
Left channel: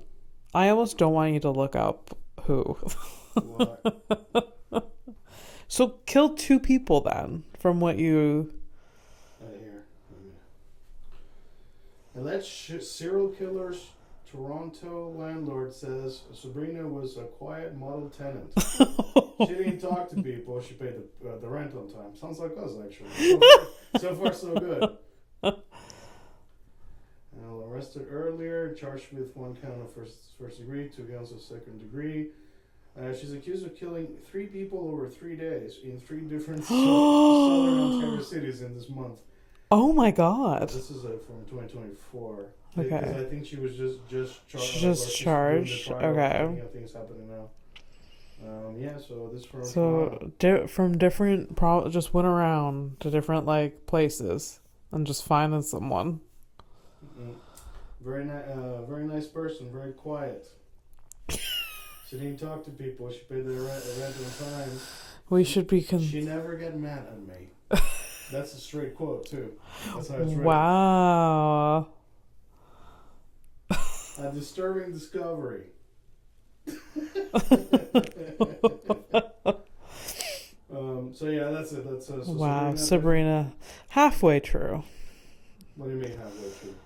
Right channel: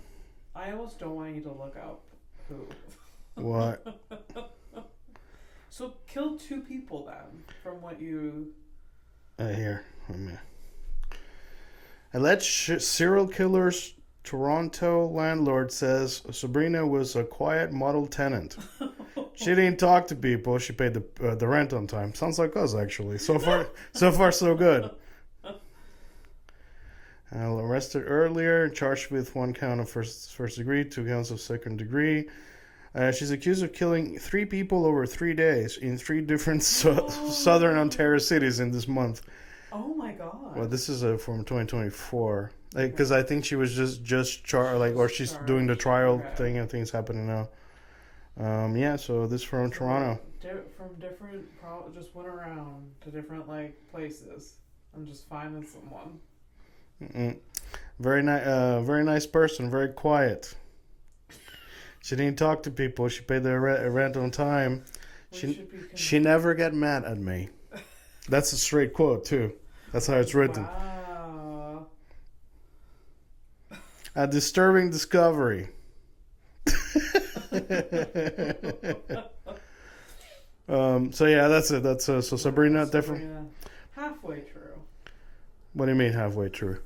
I almost don't want you to look up who. What? So kill 2 people then, from what you... Here. Alleged serial killer's Toronto landlord says Sabrina was a quiet model tenant. She didn't talk to people. She paid the rent on time. Sounds like us, actually. So far, so good. Arrested earlier, charged with 1 count of first degree, 2 counts of second degree. She's accused of killing 3 people over 3 days in 3 different southern Ontario cities in this month. Oh my god! This is from 2024. Because Okay. I think she was just charged, or she's doing the trial thing, and things happening now. So this from Toronto. From different, just went around to different places and just finding someone. Very nice person, very quiet. She didn't talk to people. She paid the rent on time. She never got mad at me. That's a straight quote too. That's how it's written. Wow. A disturbing discovery. So yeah, that's it. That's so Sabrina. Sabrina, halfway true. What do you mean halfway true?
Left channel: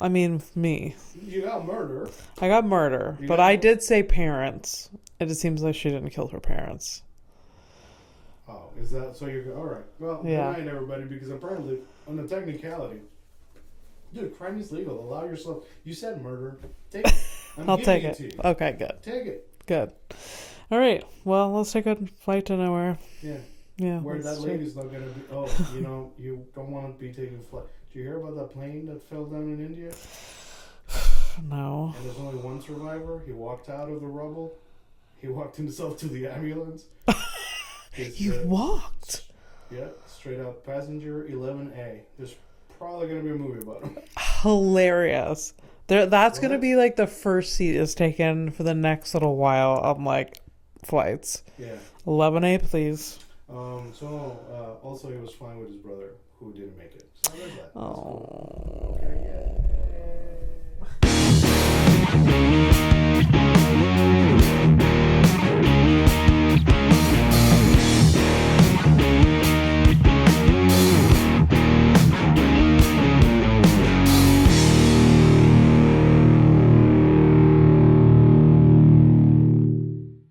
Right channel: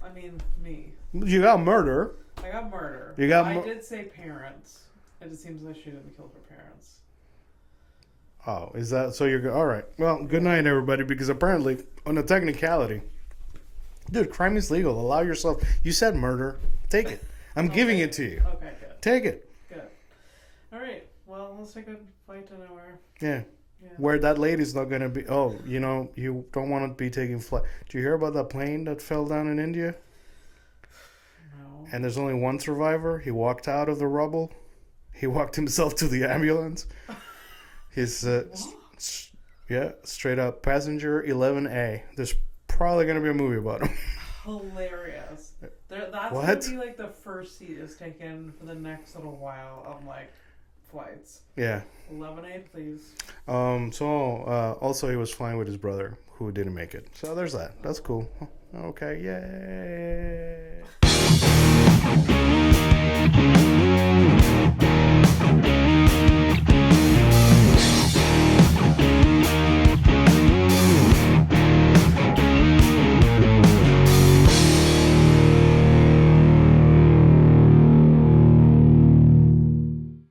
I mean, me. You got murder. I got murder, but I did say parents. It just seems like she didn't kill her parents. Oh, is that so? You're all right. Well, good night, everybody. Because apparently, on a technicality, dude, crime is legal. Allow yourself. You said murder. Take it. I'm giving it to you. Okay, good. Take it. Good. All right. Well, let's take a flight to nowhere. Yeah. Yeah. Where that lady's not gonna be. Oh, you don't want to be taking flight. Did you hear about that plane that fell down in India? No. And there's only one survivor. He walked out of the rubble. He walked himself to the ambulance. He walked? Yeah, straight up. Passenger 11A. There's probably going to be a movie about him. Hilarious. That's going to be the first seat is taken for the next little while on flights. Yeah. 11A, please. Also he was flying with his brother who didn't make it. So there's that. That's cool. Okay, yay.